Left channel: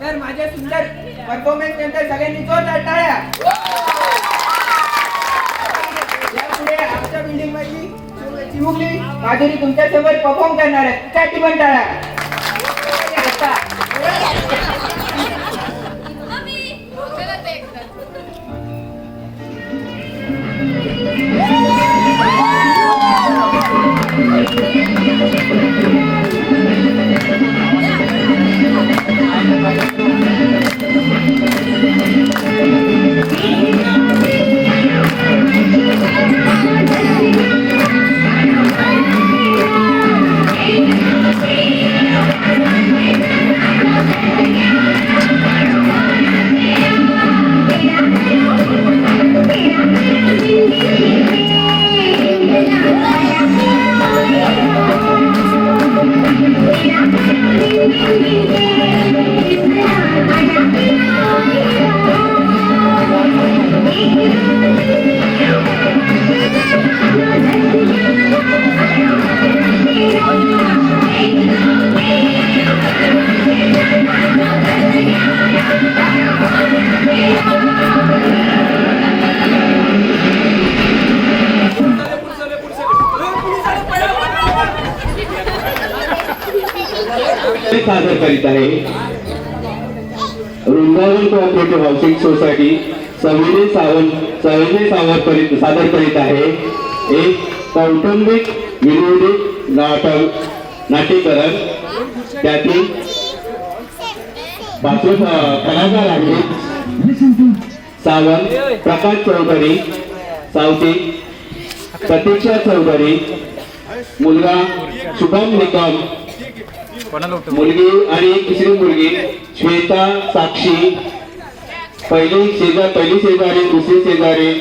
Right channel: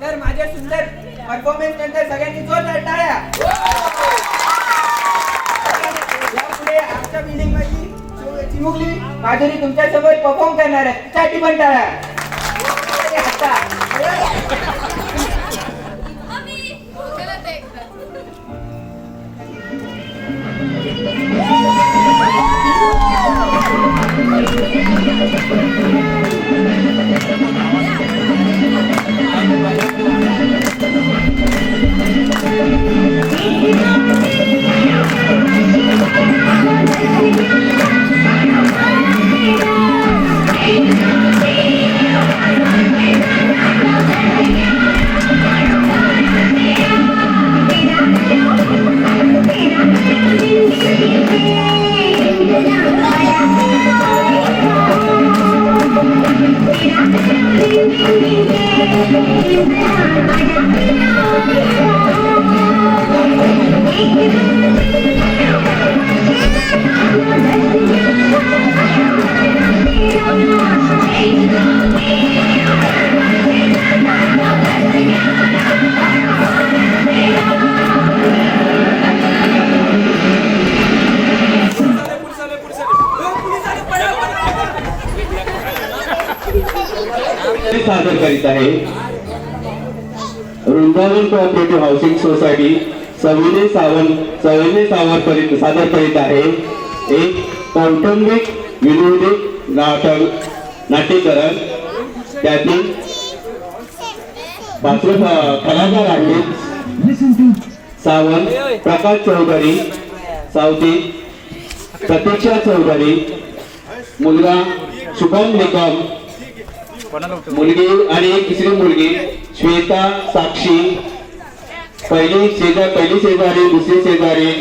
तर माझ्या सुंदर परफॉर्मन्स नंतर सगळ्यांनी जोरदार टाळ्या. यापुढे आमच्या बिल्डिंग मधली चिमुकली माधुरी तुमच्यासोबत परफॉर्म करणार आहे. त्यासाठी पण टाळ्या. सादर करीत आहे वृंदावन कोऑपरेटिव्ह हाऊसिंग सोसायटी सविनय सावरकर सादर करीत आहे एक कौटुंबिक विनोदी नाट्यकरण. त्यातील कलाकार आहेत सावंत प्रकाश चौधरी, सावती प्रतीक्षा चौधरी, मुलगा शुभम निकम, मुलगी आणि एक तिसरी मुलगी श्वेता साक्षी, पहिली शेजारी दुसरी शेजारी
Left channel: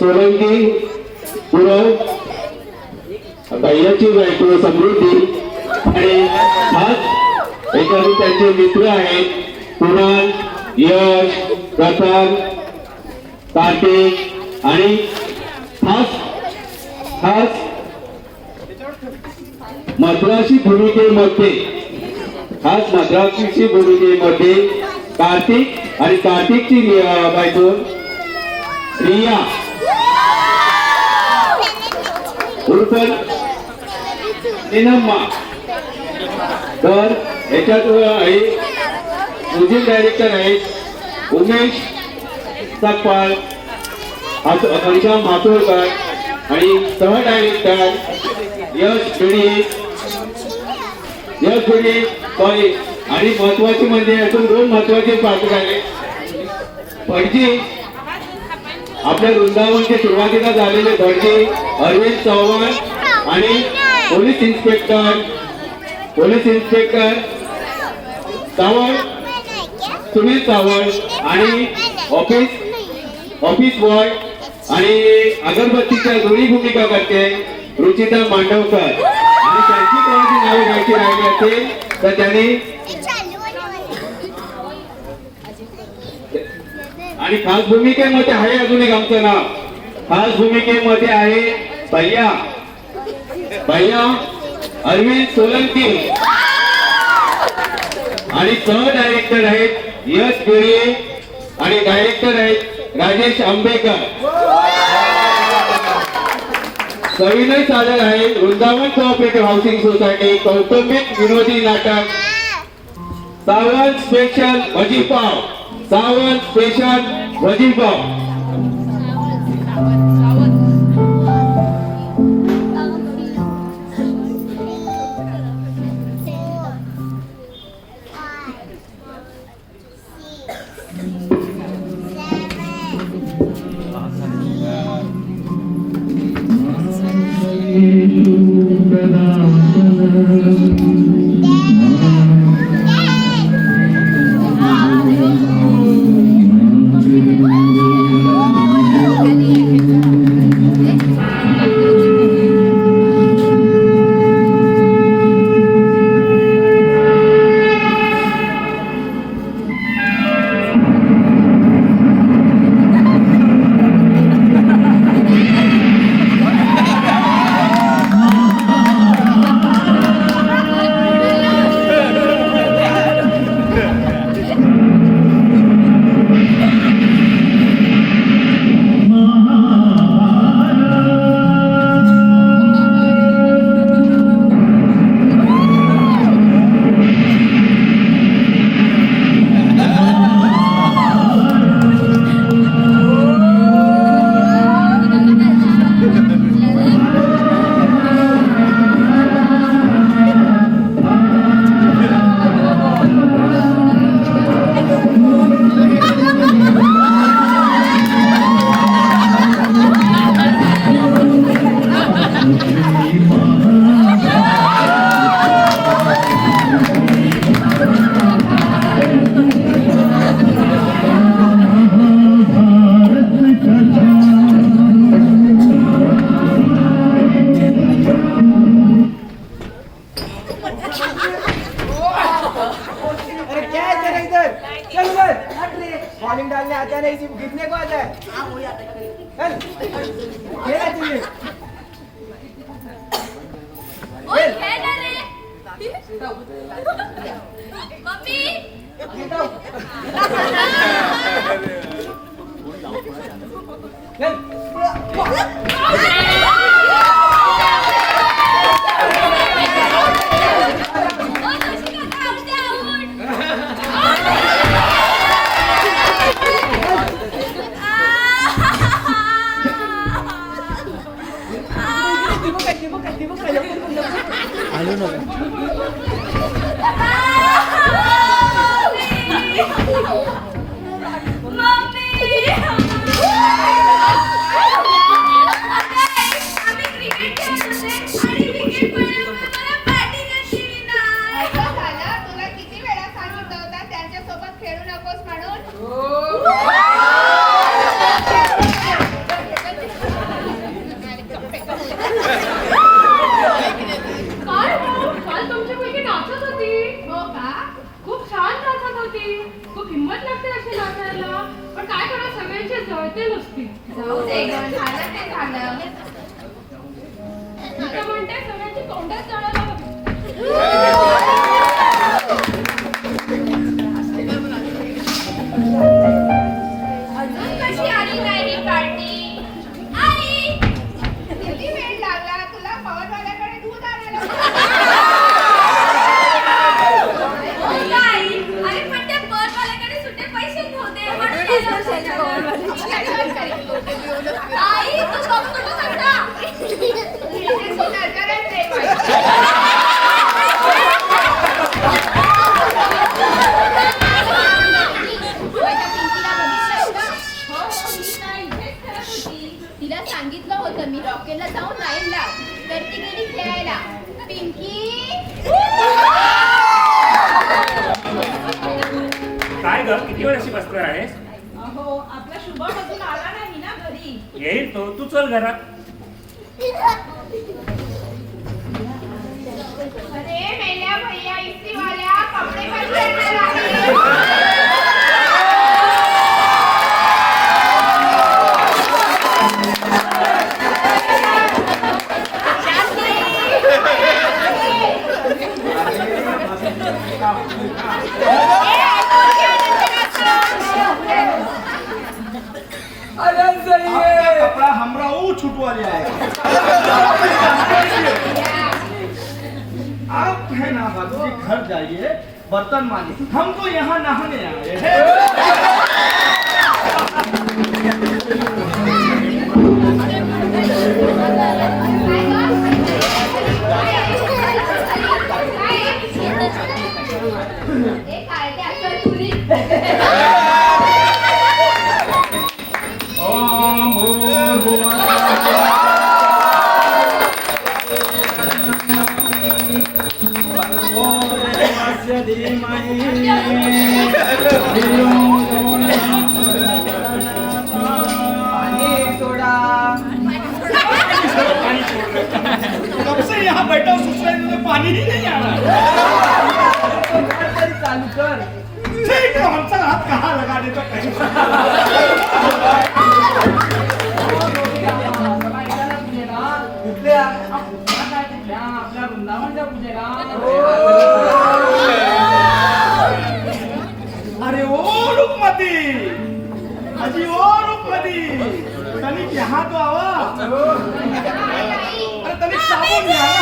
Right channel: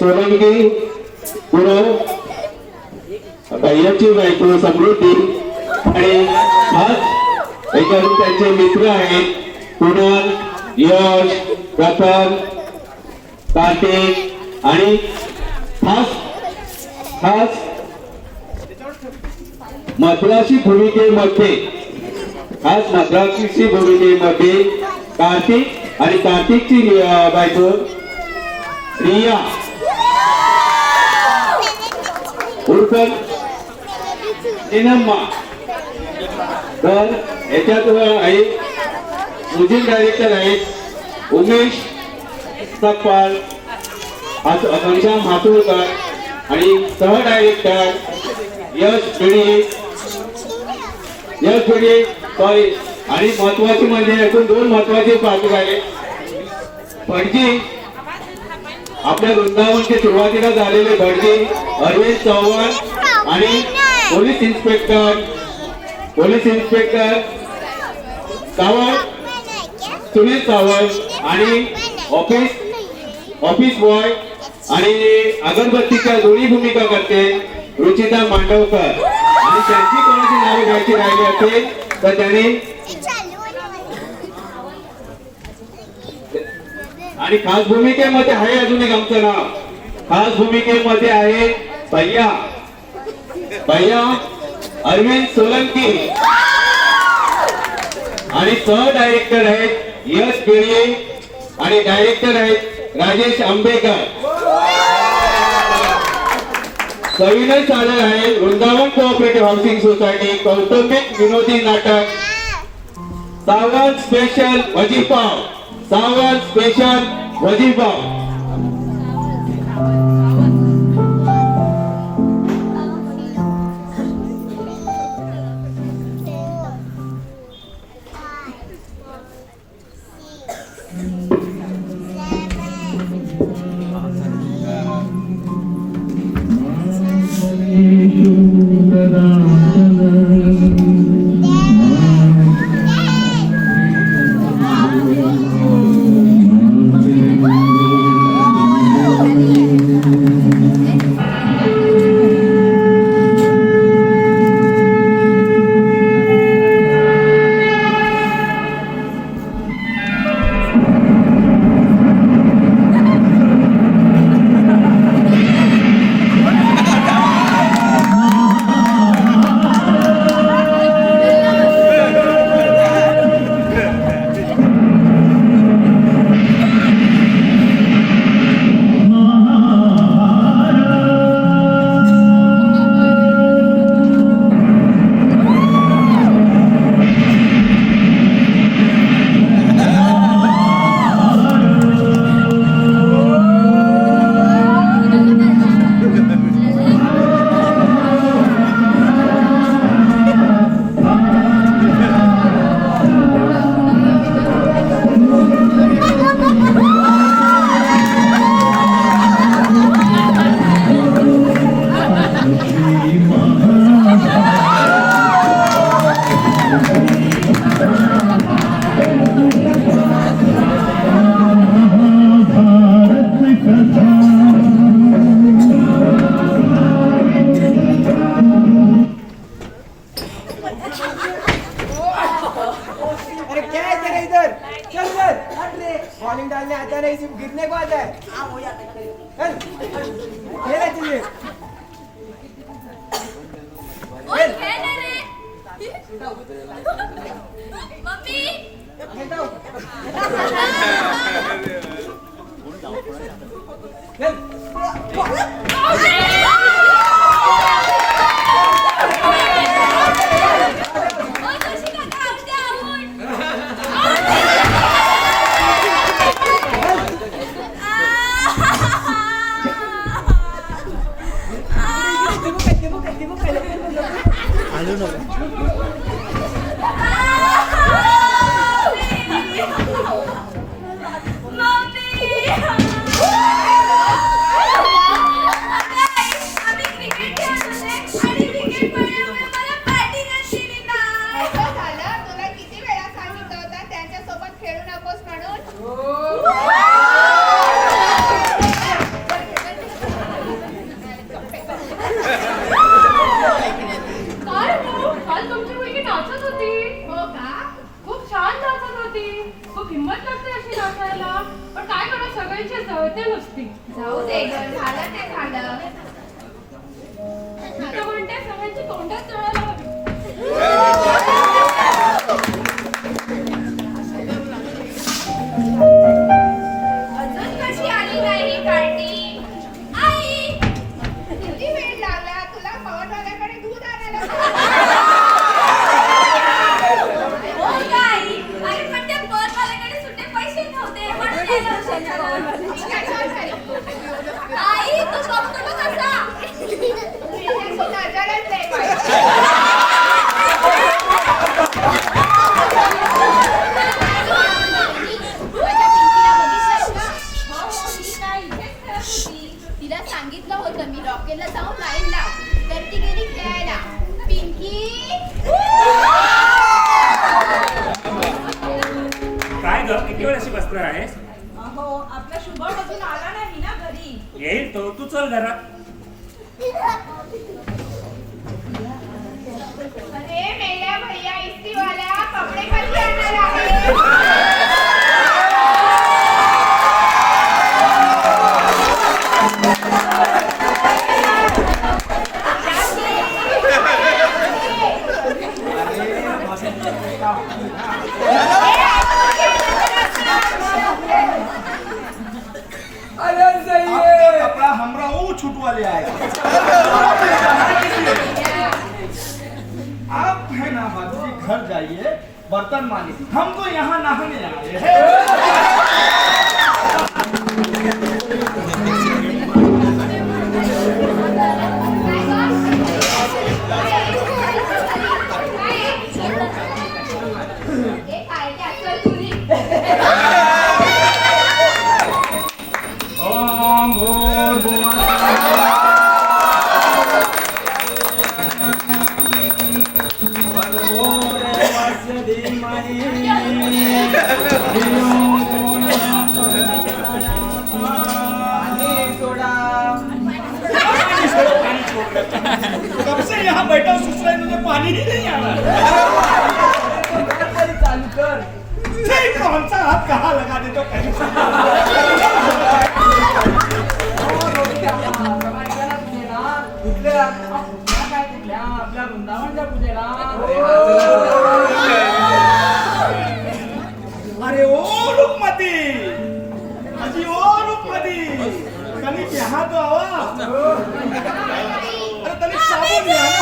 सोलंकी पुरव भैयाची बायको समृद्धी आणि खास एखादे त्यांचे मित्र आहेत कुणाल, यश, प्रथम, कार्तिक आणि खास मद्रासी भूमिकेमध्ये कार्तिक आणि कार्तिकची बायको रिया उर्फ निनम्मा. तर याच्यात म्युझिक डायरेक्टर आहेत उमेश सकपाळ, घनश्याम मातोळकर आणि सह डायरेक्टर यश सॉरी. आणि महत्वाचे म्हणजे यातून दोन महत्वाचे पात्र आहेत. आपल्या वृंदावनचे सुरुवातीला झालेले बडगी अरविंद चव्हाण आणि पोलीस इन्स्पेक्टर सावंत सुनील सावंत आणि ऑफिस बॉय आणि अगरबत्तीच्या दोन्ही भूमिका करते रुचिता मांडवकर आणि त्यांची कोणाची नावे घ्यायची राहिली असेल तर त्यांनी आणि खास भूमिकेमध्ये आहे अजून एक आमचं नाव खास भूमिकेमध्ये आहे भैया अरविंद सोलंकी आणि सह डायरेक्टर आहेत यश गिरे आणि डायरेक्टर आहेत राजेश आंबेकर. सविनय सादर आहे वृंदावन कोऑपरेटिव्ह हाऊसिंग सोसायटी कौटुंबिक विनोदी नाटक सावंत स्पेशल वजीपाव. अरे क्या है तेरा इधर चल उधर बॉलिंग डालने आता नहीं सिर्फ गिरने को आता है चल खेल है तुझे ओए खेल रे मम्मी खेलता हूँ चल ओए खुशी का काम दे आलू नको जाऊ दे झालं ते झालं म्हणते सगळ्यांची तोंडात जळायला हवी अजून कशी आली नाही ही पार्टी आई किती वेळ लागला तुला पवारवाल्याकडे दूध आणायला हो आई अरे पण त्या पवारवाल्याकडे सुट्टे पैसे नव्हते म्हणून यायला उशीर झाला. आई तू बघतो कसा नजरच आहे तिला सांगितलं होतं मी रॉकेलला जाऊन लाईन लाव, तर ती गेली खेळायला. पिंकी काय ग, किती वेळ अशी बसणार आहेस? अहो आपला शुभम अजून आला नाही ना घरी. येईल तो, तू चल घरात. अरे मेल्या भैया इस्त्रीवाल्या, कपडे कधी आणणार आहे? अरे सही आपका है. कपड़ा हमरा वो छुटवाले आए. आप है ना बाबूजी, घर जाइए, बर्तन मांजिए, हमको यहाँ नहाने आए हैं. ओम भूर्भुवः भर्गोदेवस्य धीमहि धियो यो नः प्रचोदयात्. पाणी सोडा. कब से यहाँ बैठा हूँ, ससुराल में पानी ही नहीं आ रहा. नळ तरी चालू कर. ठीक, कौन सा हाथ कहाँ लगा दे तो कहीं. आपल्या वृंदावनच्या पूजेला. अरे ओ रुक्मती, अजी ओ रुक्मती, तनिक यहाँ तो आवा. अरे तनिक साबुन यहाँ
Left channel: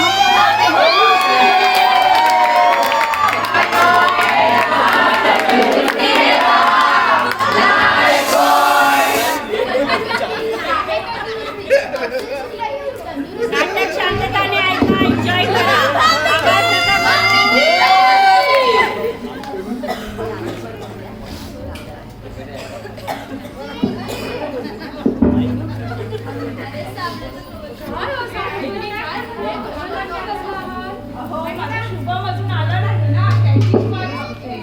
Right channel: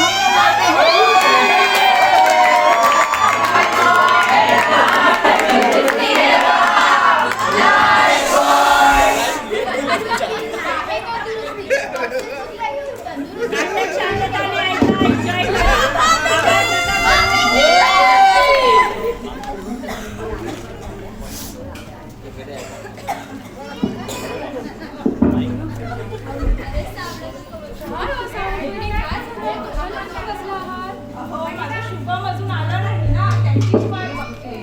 अहो माझा शुभम अजून आला नाही ना, त्याची वाट बघते.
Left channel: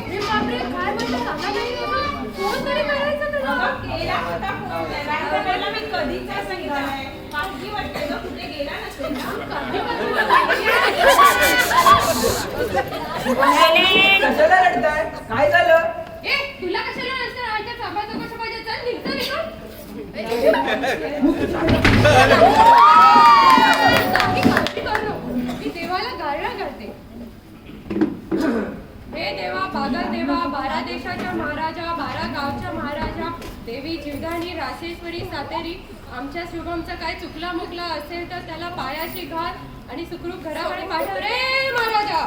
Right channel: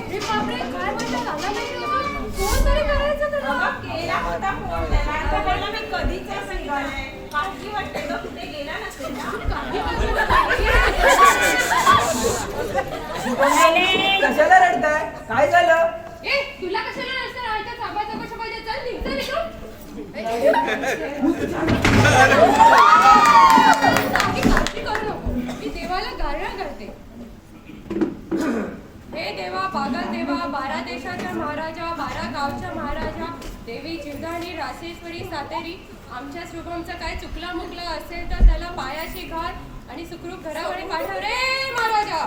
अगं, केला होता फोन त्याला, तर त्याला मी कधीच सांगितलंय. काळजी वाटते ग, कुठे गेला नसेल ना. कशाला रडताय? काय झालं? तुला कशाला नसतं राहायचं? थांबायचं कशा पाहिजे? चल निघतं निघतं. मी देवाला गारळ घालते. हे देवा, बागल देवा, 12 देशाच्या महाराजा, 12 गावच्या महाराजा, देवी जीवदानी, रासेश्वरी, सातेरी, आमच्या शुभमचा काय चुकला मुकला असेल तर त्याला पायाशी घाल आणि सुखरूप घराकडे पाठव रे महाराजा.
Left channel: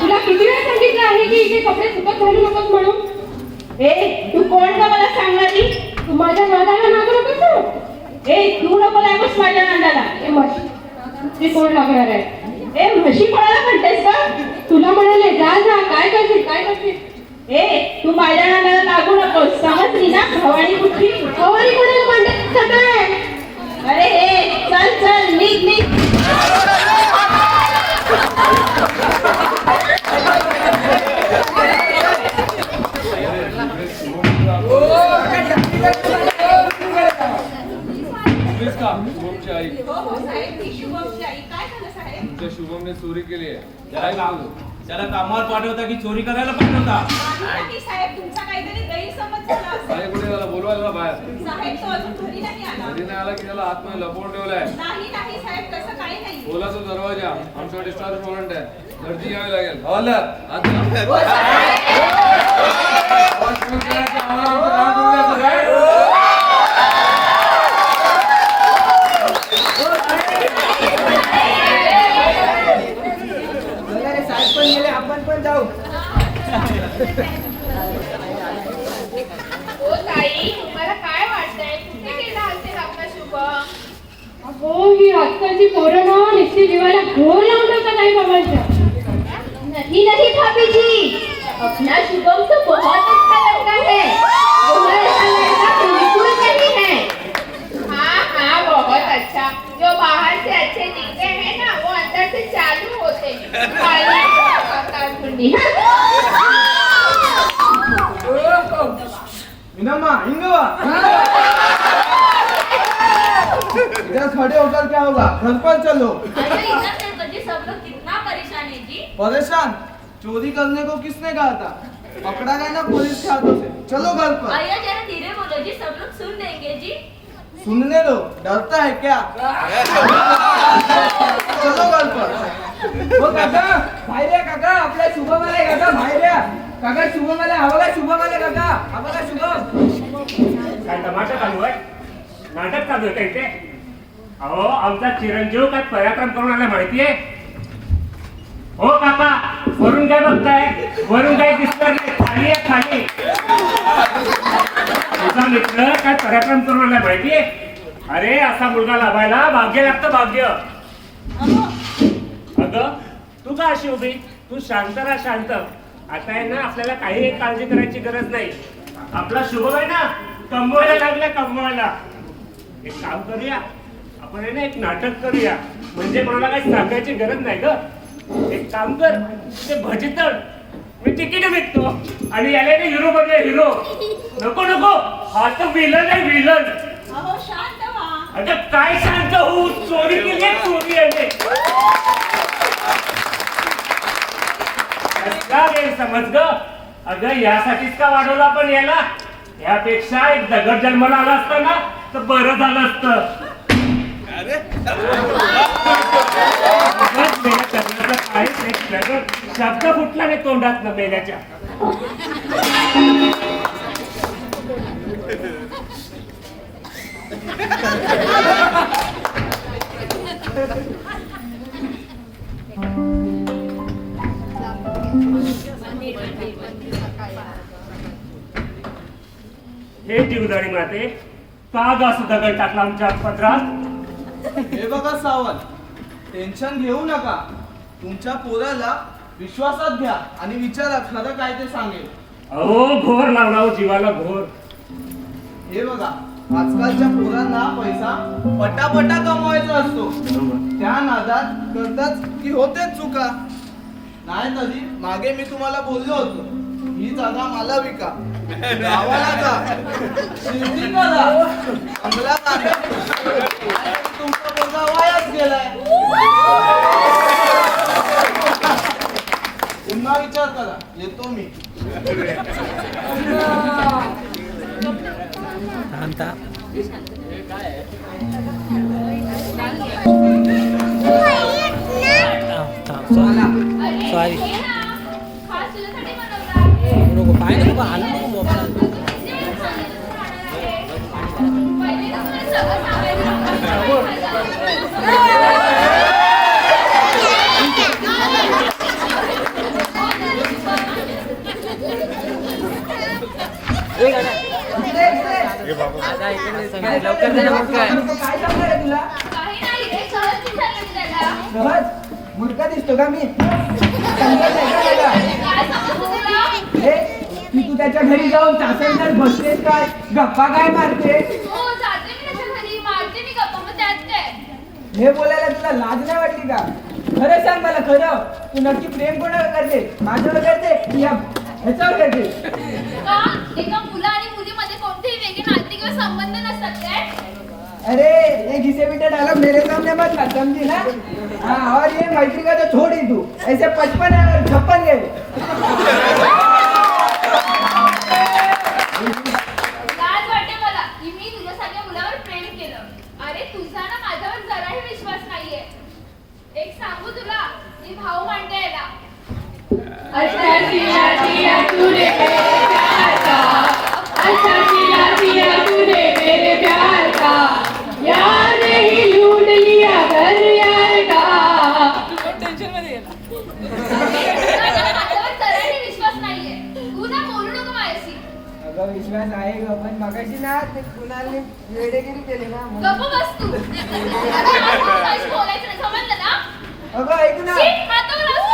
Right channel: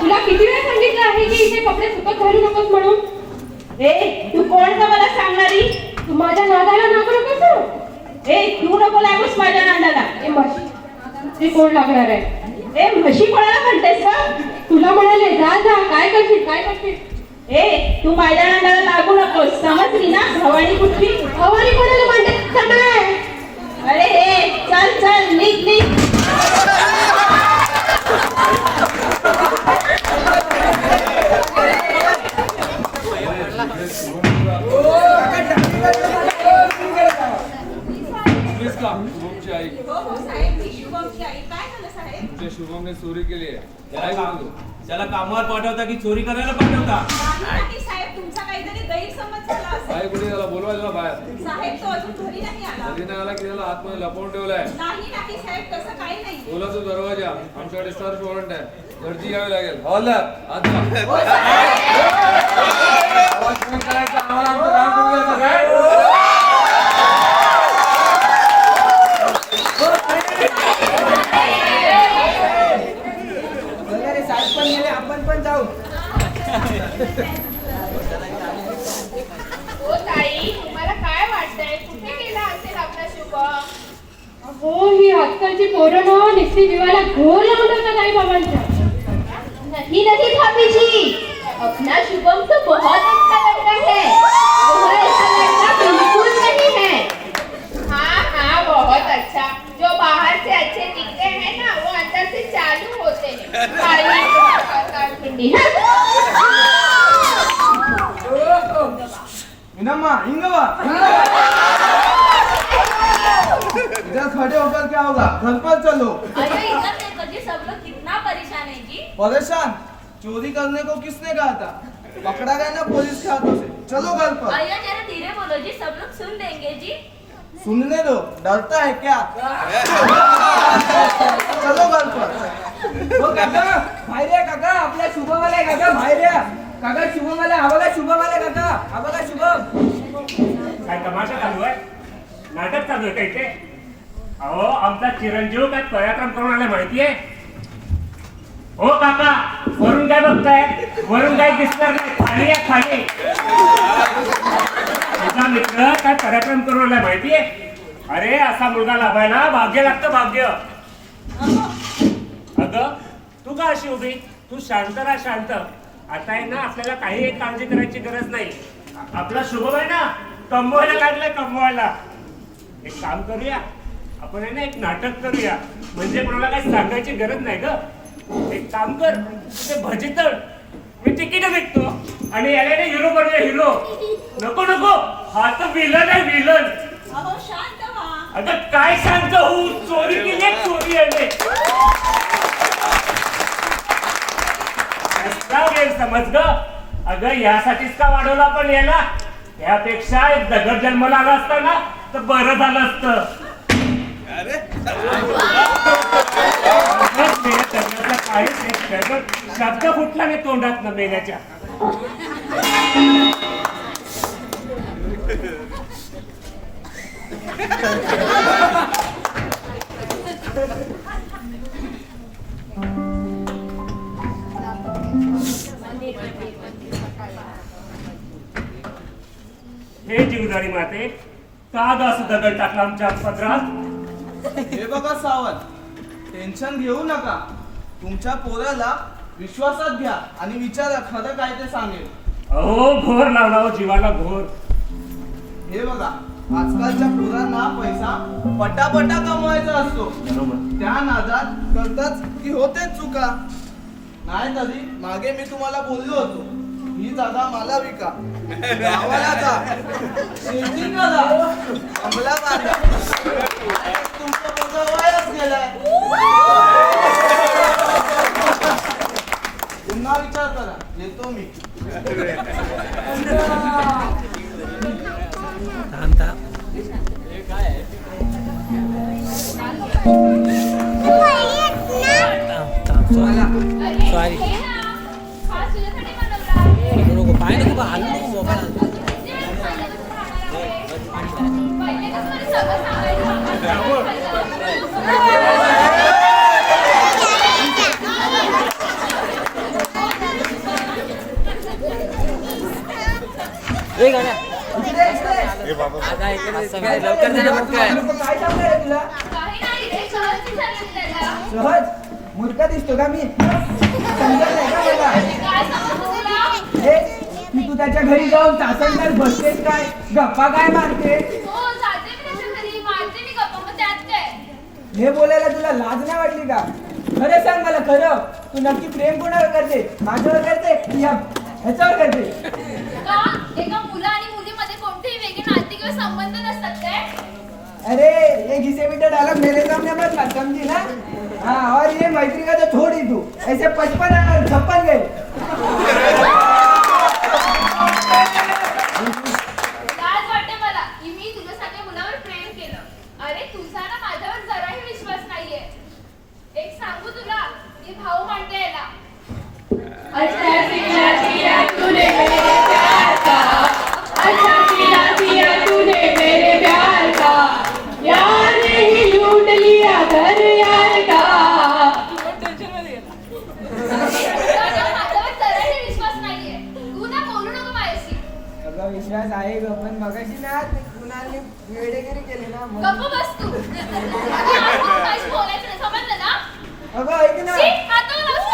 तुला किती वेळा सांगितलं आहे की इथे कपडे सुकत घालू नकोस म्हणून? तू कोण का मला सांगणारी? तू माझ्या नादाला नागू नकोस. तू नको लागूस माझ्या नांदाला. ती कोण लागणार आहे? म्हशी कोणाला म्हणतेस का? तुला म्हणाले जा जा, काय करशील काय करशील? तू माझ्या नांदाला लागू नकोस, समजली ना? भवानी कुठली? हवाली कोणाला मांडत सगळं? अरे चल चल, निघ निघ. शुभमची आई. हो साहेब, मी शुभमची आई. काय झालं साहेब? तुमच्या शुभमने चोरी केली आहे. त्याला कामावर पाठवता की चोरी करायला पाठवता? नाही साहेब, तुमचा काहीतरी गैरसमज झाला असेल. काय कुठे त्याला बोलवा त्याला बाहेर. साहेब, तो अजून घरी नाही आला. कधी नाही आला की त्याला आतमध्ये लपवून ठेवलाय. नाही नाही साहेब, तसं काही नाही. बोला तो दरवाजा आमच्याकडे स्टार वॉरंट आहे. गर्दी घ्यावी लागेल. हवालदार आत जा. हो साहेब. आवाज कमी करायचा, आम्हाला आमचं काम करून द्यायचं काय? साहेब पण गेले, आपण पण जाऊ. ओ ताई, हो ही आजकालची पोरं ना निस्ती जीवाला घोर लावून का नाही बाबांच्या. नहीं नहीं भाभी जी, अपना शुभम तो बहुत अच्छा लड़का है, और ऐसा लड़का बिल्कुल नहीं है। हाँ हाँ बहुत अच्छा, जो बाहर से अच्छे दिखते हैं ना वो अंदर से चालू होते हैं, खाली खाता ठंडी। मिनम्मा इंगवा इधर खड़े होकर क्या होगा, घर पर चलो। अरे इधर देखो जी, सब लोग कितना परेशान है जी। परेशान? चोरी करने को किसने कहा था? पकड़ा गया ना पुलिस के हाथों से। चलो घर पर। अय्या जरा धीरे बोलो जी, सब लोग सुन लेंगे जी। सुनने दो, डरता है क्या? चलो घर पर। हो काका बाहेर या काका, आपल्या शुभम आलाय काका, बाहेर या काका. शुभम आलाय, हा बघा शुभम आलाय काका, हा बघा शुभम. काय तमाशा चालू आहे? नाटक चालू आहे का इथे? अहो आमचा चिरंजीव काय पराक्रम करून आला माहितीये? हो काका, वरून काय बघताय? वरून काय दिसणार नाही, खाली या खाली. तुझा मित्र काय पराक्रम करून आला माहितीये? अरे असा मुलगा लाभायला भाग्य लागतं, भाग्य. अगं तू का अशी उभी? तू शांत राहा, शांत. आता आहे ना आपल्याला काही काळजी करायची गरज नाही. आपला शुभम आहे ना कमवायला लागलाय, कमवायला. एक काम करूया, आपण आहे ना एक नाटक करूया, म्हणजे कोणाला काही सांगायची गरज नाही ग. एक काम कर, ते भजी तळ, मी तिकीट विकतो आणि याला हिरो बनूया, हिरो. नको नको, हा तर विलन आहे, विलन. अहो शांत व्हा. अगं काय शांत होऊ, चोरी केली आहे, चोरी आहे. असला गैरसमज ग. अगं यासाठीच का वाढवला आपण याला? यापेक्षा एक दगड जन्माला आला असता ना तर बरं झालं असतं. काहीच एक दगड शब्द फुटला नाही तोंडात न मेल्याच्या. हे जीवदाणी माते, का ग असं दगड टाकला आमच्या पदरात? हे बघा सावंत, टेन्शन घेऊ नका. तुमच्या पोराला विश्वासात घ्या आणि विचारा खरं काय ते सांगेल. अहो घोर लावला हो जीवाला, घोर. हे बघा, आजकालच्या पोरांना पैसा पटापटा कमवायचा असतो. त्या नादात करताच की होते चुका. नाही तरी मागे मी तुम्हाला बोललो होतो, ही जागा मला विका, गावाला जा, शेती करा, बंगला बांधा. तुमचा पोरगा वायाच गेलाय. पुन्हा विचार करा, येतो मी. सॉरी. खास तुझ्यासाठी बनवला. नको पाय नको बा, हालू नको मोबाईल. पहिले तर मला सगळं सांगायचं. लवकर दे ना मग काय सांगणार आहे तुला? काही नाही रे, सहज विचारलं मी त्याला. सहज मूर्ख दिसतो का मी? समजत नाही का मला? काय समजतं तुला? हे की तू त्याच्या घरी जाऊन तासनतास बसतेस काय, गप्पा काय मारते? हो जाते मी त्याच्या घरी, मारते मी गप्पा, मग त्यात काय? हे बोलायला तुला लाज नाही वाटली का? खरं सांग मला, खरं तू नक्की प्रेम कोणावर करते? माझ्यावर करते की ह्याच्यावर करते? का एका मुला आणि मुलीमध्ये कोणतेही वेगळे नाते किंवा संबंध नसतात काय? अरे ये घिसे पीटे डायलॉग मेरे सामने मत कर, समझी ना? हाँ, और ये मैत्री का तो छोड़ ही तू, ऐसे 55 और 56 गए. लाज वाटते मला की मी तुझ्यासारख्या मुलावर प्रेम केलं. अरे तुझा ना माझ्यावर जराही विश्वास नाहीये. एक सांगू तुला, मी भाऊ मांडते याला. अच्छा सिया सिया तूने मेरे प्यार का, अच्छा सिया सिया तूने मेरे प्यार का, यार नहीं लूट लिया घर यार का. तुझा ना माझ्यावर जराही विश्वास नाहीये. ना ते कुणालने वेडेगिरी केली ना म्हणून. गप्प बस तू. आता आज बोलायचं नाही, समजलं ना? अगं ऐक ना. शी, हातावर असं.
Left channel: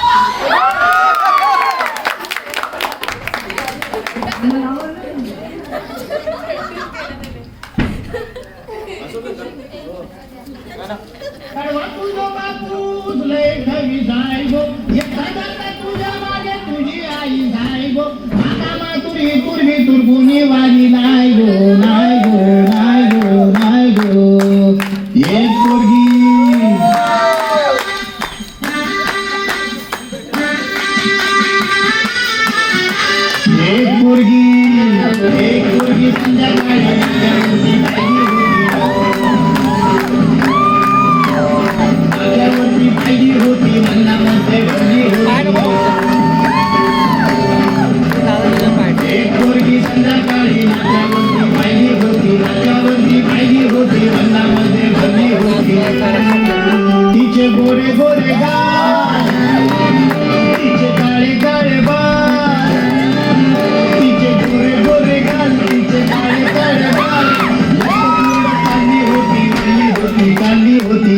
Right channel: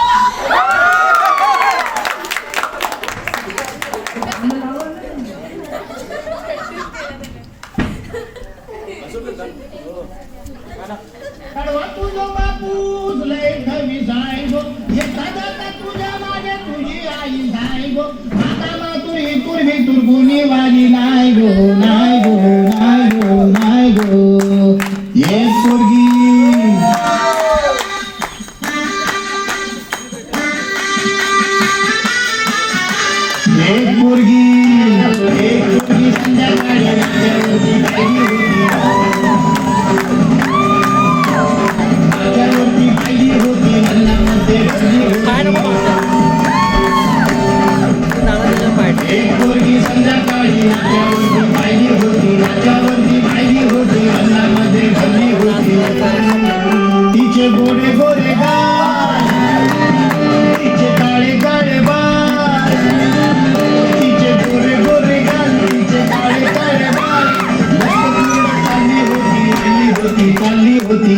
तिचे गोरे गोरे गाल, तिचे काळे काळे बाल, तिचे गोरे गोरे गाल, तिचे काळे काळे बाल. काली होती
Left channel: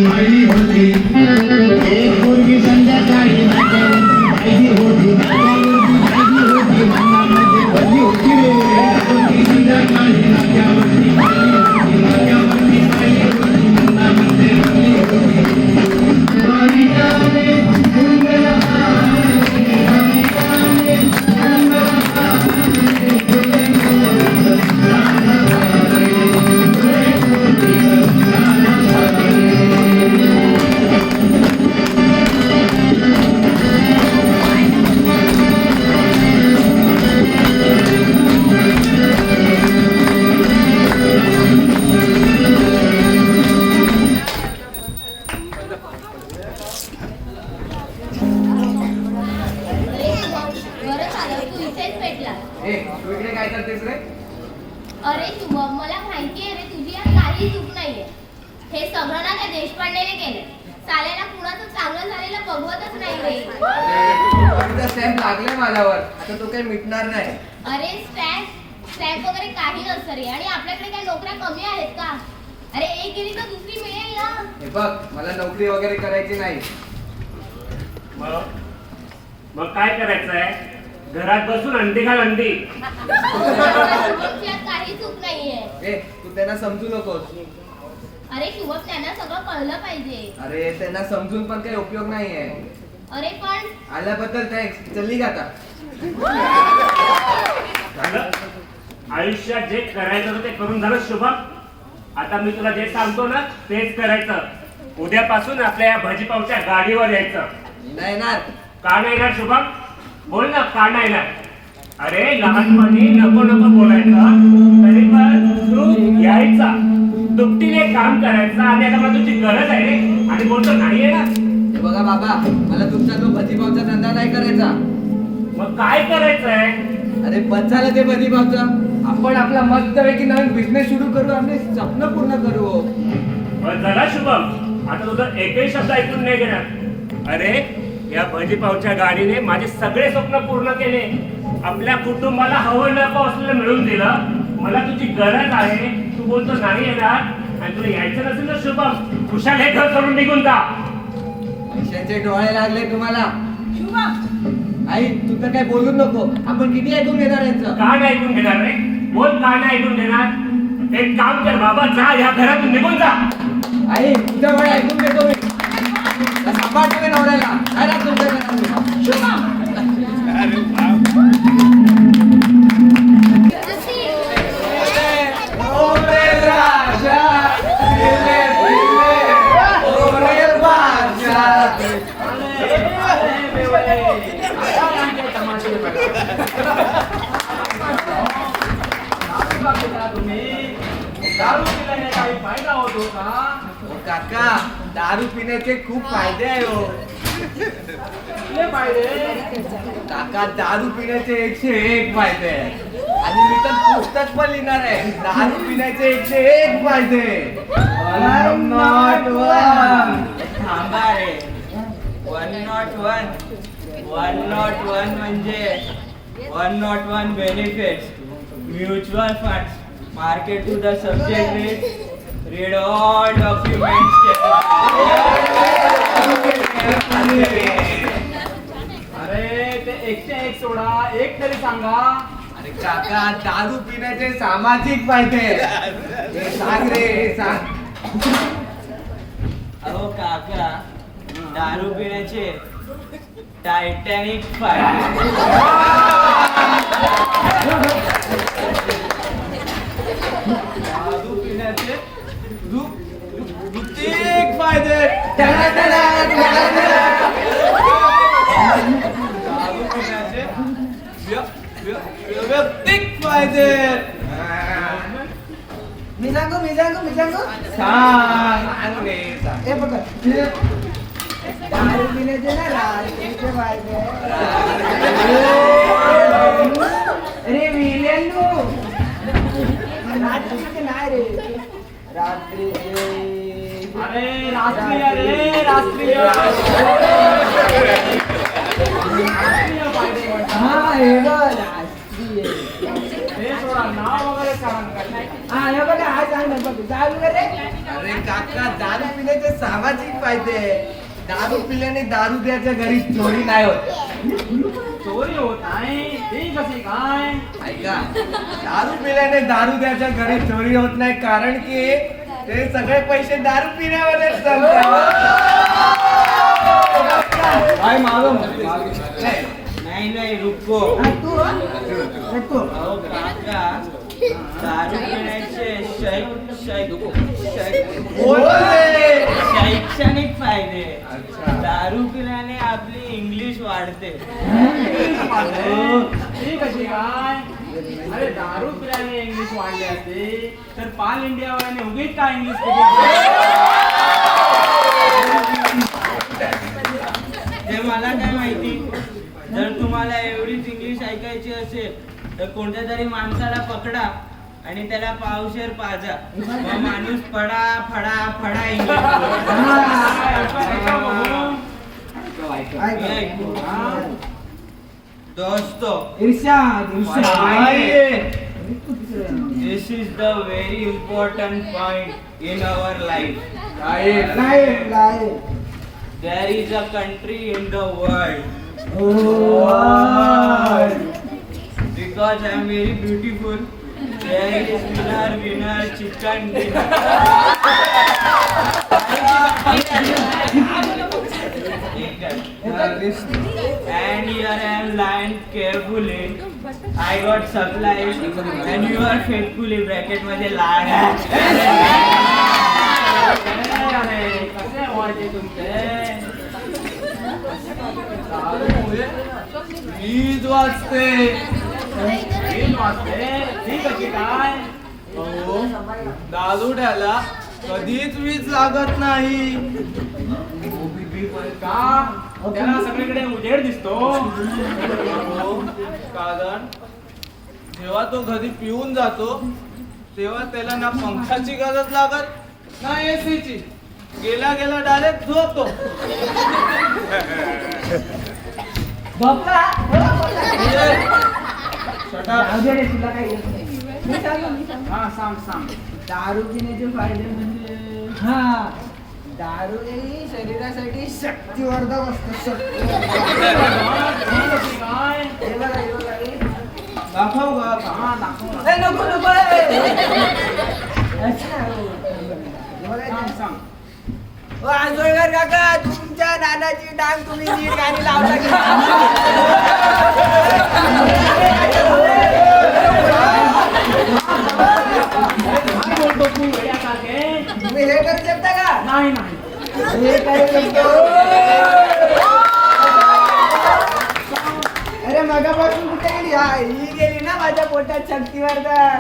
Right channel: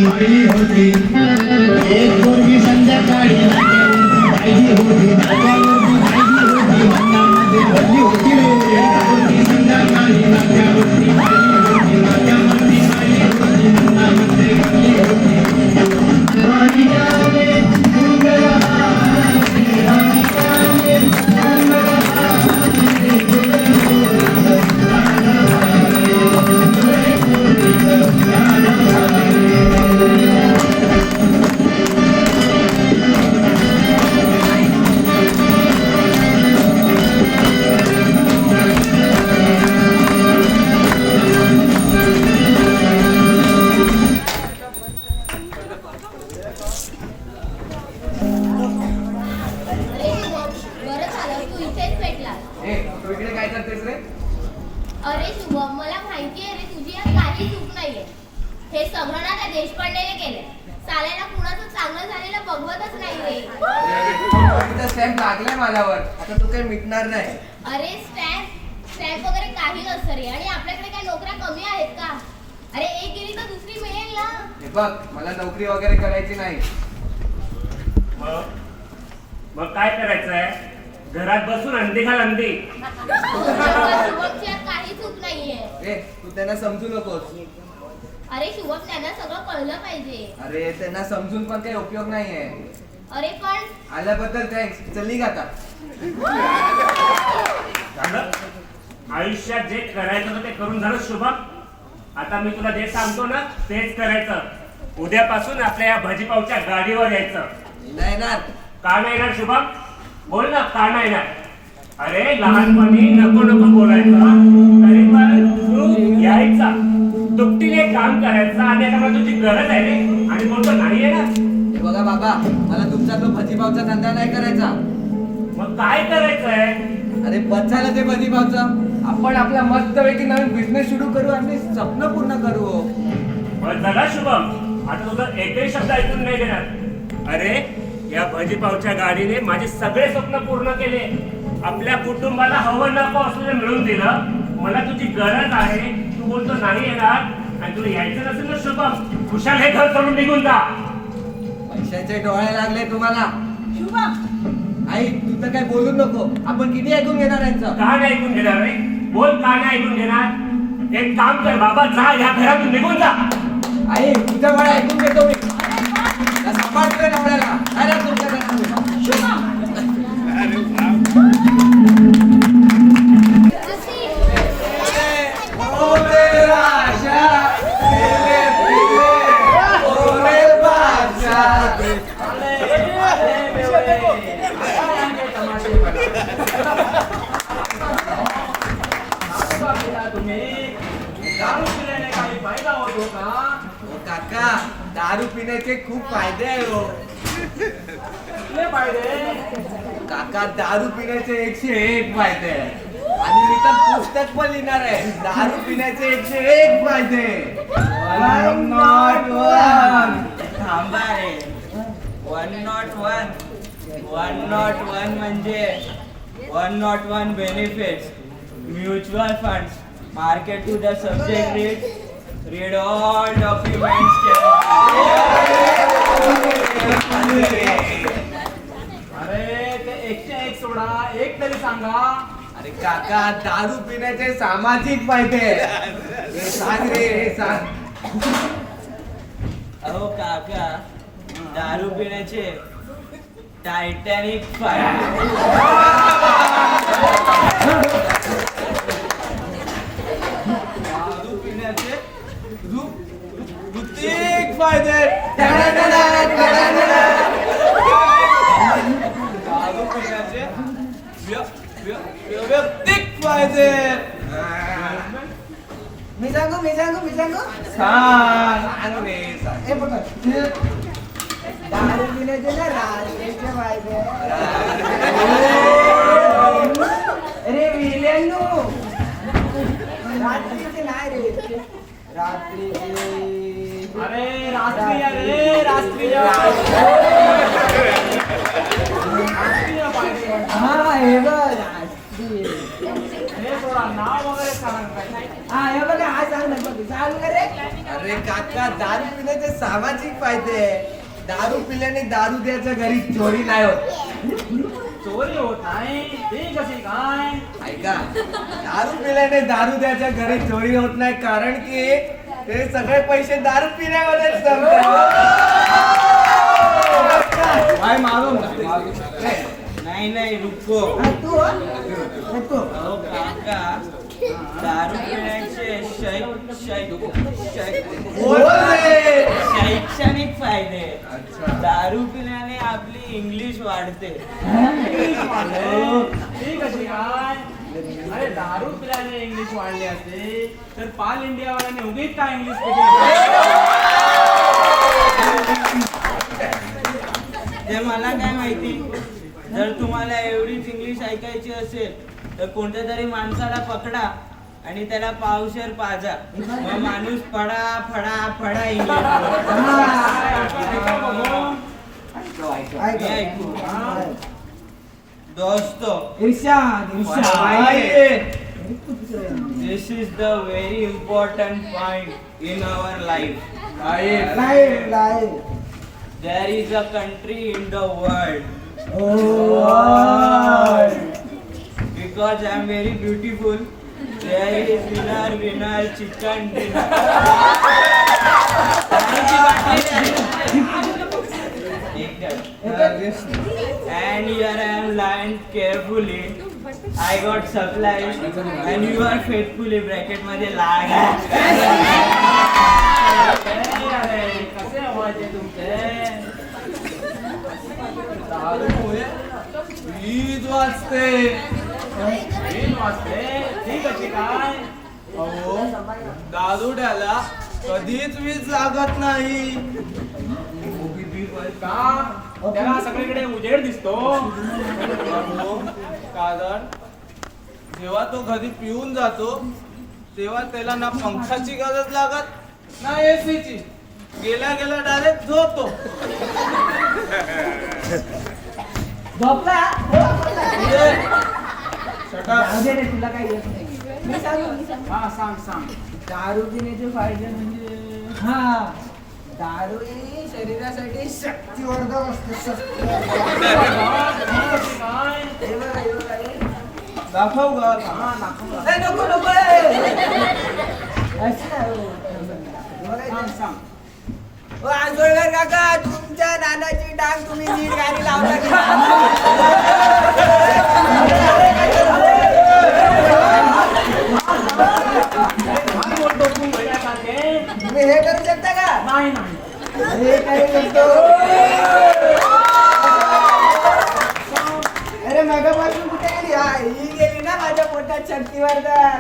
एक पोरगी संध्याकाळी नाट्यावरती होती, नाट्यावरती मनामध्ये बसली होती रे. एक पोरगी संध्याकाळी नाट्यावरती नाट्यावरती मनामध्ये बसली होती. बरं झालं तू इथेच भेटला. ए तू इकडे काय करतेस रे? अरे शुभम, मला माहिती आहे रे तुझी यात काही चूक नाहीये. हे सगळं ना त्या देशपांडेने केले. साल्याला कुणाचं चांगलं झालेलं बघवतच नाही रे. स्टॅम्प लागलाय माझ्यावर, आता तो काही मिटणार नाही. अरे स्टॅम्प वगैरे काही नसतं रे. आणि आपल्याकडे काय नोकऱ्या कमी आहेत का? अरे एक गेली तर दुसरी मिळेल ना. हे बघ, मला नोकरी वगैरे करायची नाही. मग काय करायचंय? घरात बसून अंडी घाल अंडी. शुभमची यात काही चूक नाहीये. ए तू त्यांना समजू नकोस. अरे शुभम, त्यांना सगळं कळलं पाहिजे. अरे त्यांना समजून पण काही उपयोग नाहीये. अरे पण आल्याबद्दल थँक्स. चल निघ आता. झालं? आयुष्यात जे करायचं होतं ते करून झालं शुभम. आता मी तुला जे सांगतो ना तेच करायचं. उद्यापासून आपल्या या भाजीपावच्या गाडीवर यायचं. नाही ना. का नाही येणार शुभम? बोल ना, का नाही येणार? अरे लहानपणी नको नको बोलायचं, तरी पण तू यायचा, दुपटीने काम करायचं. आणि आता मला तुझी गरज आहे रे आणि बोलतो नाही येणार. हे बघा बाबा, मला तुमचा तो भजीपावचा धंदा नाही करायचा. मग काय करायचंय? अरे बस झालं ते भजीपावचा. आपण आपला मस्तपैकी नवीन बिझनेस सुरू करू, आपले स्वप्न पूर्ण करू. बस झाला शुभम, आता तुझं एकही शब्द ऐकून नाही घेणार. अरे या भजीपावच्या गाडीने माझे सगळे स्वप्न पूर्ण केले. आपल्या कुटुंबाला हवं नको असलेलं मिळवून दिलं. मला तुझी गरज आहे, तू बोलतो नाही येणार. आणि तुला यायचं नसेल ना शुभम, खुशाल हे घर सोडून निघून जा. पैशाचे डोळे लागले तुम्हाला. आई तू तर काय बोलू नको. आपण किती ऐकून घेणार यांचं? का नाही ऐकून घेणार रे? बोल, का नाही ऐकून घेणार? एक काम कर बाबा, जा या घरातून निघून जा. आई तुझं वेळ ऐकून घेतो मी. सांभाळतोय नवऱ्याला. काय राहत तुमच्या घरात? दारू पिल्याने काही फायदा होतो का? काका, दारू पिण्याचे खूप फायदे आहे हो. कुठले फायदे? काका, दारू पिण्याचे 101 फायदे आहेत. आणि मी तर पुस्तक पण लिहिणार आहे, दारू पिण्याचे 101 फायदे. 101. थांबा रे. 101 101 म्हणजे 101 benefits, mutual funds, Market to the subject read all documents. अरे ते एकशे एक सोडा, एक तरी सांगा. अरे काका, दारू पिण्याचे सामाजिक फायदे. हे सांग रे, हे सांग. अहो काका, दारू पिण्याचे टायटॅनिक फायदे. दारू पिण्याचे ऋतिक फायदे. दारू पिण्याचे वैयक्तिक फायदे. मी सांगू सांग रे, सांग. हे बघ, दारू पिण्याचे ना रात्रीचे फायदे. अरे विलेनू, रात्रीचे नाही रे, रात्रीचे. अरे राष्ट्रीय रे, राष्ट्रीय. हा हे बघ राष्ट्रीय. हे सोडा, नाव वगैरे सांग. हा हे बघ, हा सांग ना बघ, चालू कर रे. अरे काका, दारू पिण्याचे सामाजिक फायदे. दारू पिल्याने दारू द्याच्या घरी चोरी नाही होत. चोरी होत नाही, ती कशी काय? ऐका, दारू पिल्याने दारू द्याच्या घरी चोरी होत नाही, कारण की ते सगळे पैसे दारू पिण्यामध्येच जमतात. काय मालूम? नाही रुको. तू अहो काका, दारू पिण्याचे शैक्षणिक फायदे. दारू पिल्याने आपली इंग्लिश वाढते. ती कशी काय? अरे दारू पिल्याने इंग्लिश वाढली असते तर पाल इंडियावाल्याने उगीच काय इंग्लिश ते मला काय माहिती. जर तुम्हाला एवढीच इंग्लिश ऐकायची असेल तर कोणत्या तरी माणसाला पकडा आणि त्याला पावशेर पाजा. मग माणूस फडा फडा फडा इंग्लिश दोस्तो. This is the very important point in our life. There is a country in the world. Because I am very beautiful, there is winner chicken dinner. And here I am lying carefully. I got supplies and you are faithfully bracket मध्ये लाग. कसे व्हायचे तुमचे? दारूमुळे वीज वाजते. ती कशी काय? अहो, दारुड्याला कधीच वीज लागत नाही. का? त्याला सगळीकडे उजेड दिसतो. कारण जेव्हा तो घरी पिऊन जातो तेव्हा त्याला ना पंखाची गरज लागत ना एसीची. गेला डायरेक्ट झोपतो. तुला काय येत नाही. मी सांगू. हा सांग. दारू पिण्याचे फायदे म्हणजे दारू ही शरीरासाठी शक्तिवर्धक असते. दाखव ग. नको सांग. आजोळकर काका, तुमच्या नानाची डांग तुम्ही नीट गाणी लावता की तुम्ही हे करू शकता का? नाही हे करू शकतो. अरे मागापासून कुठे गेली? ही गेली ना माझ्या पोटात शक्तिवर्धन.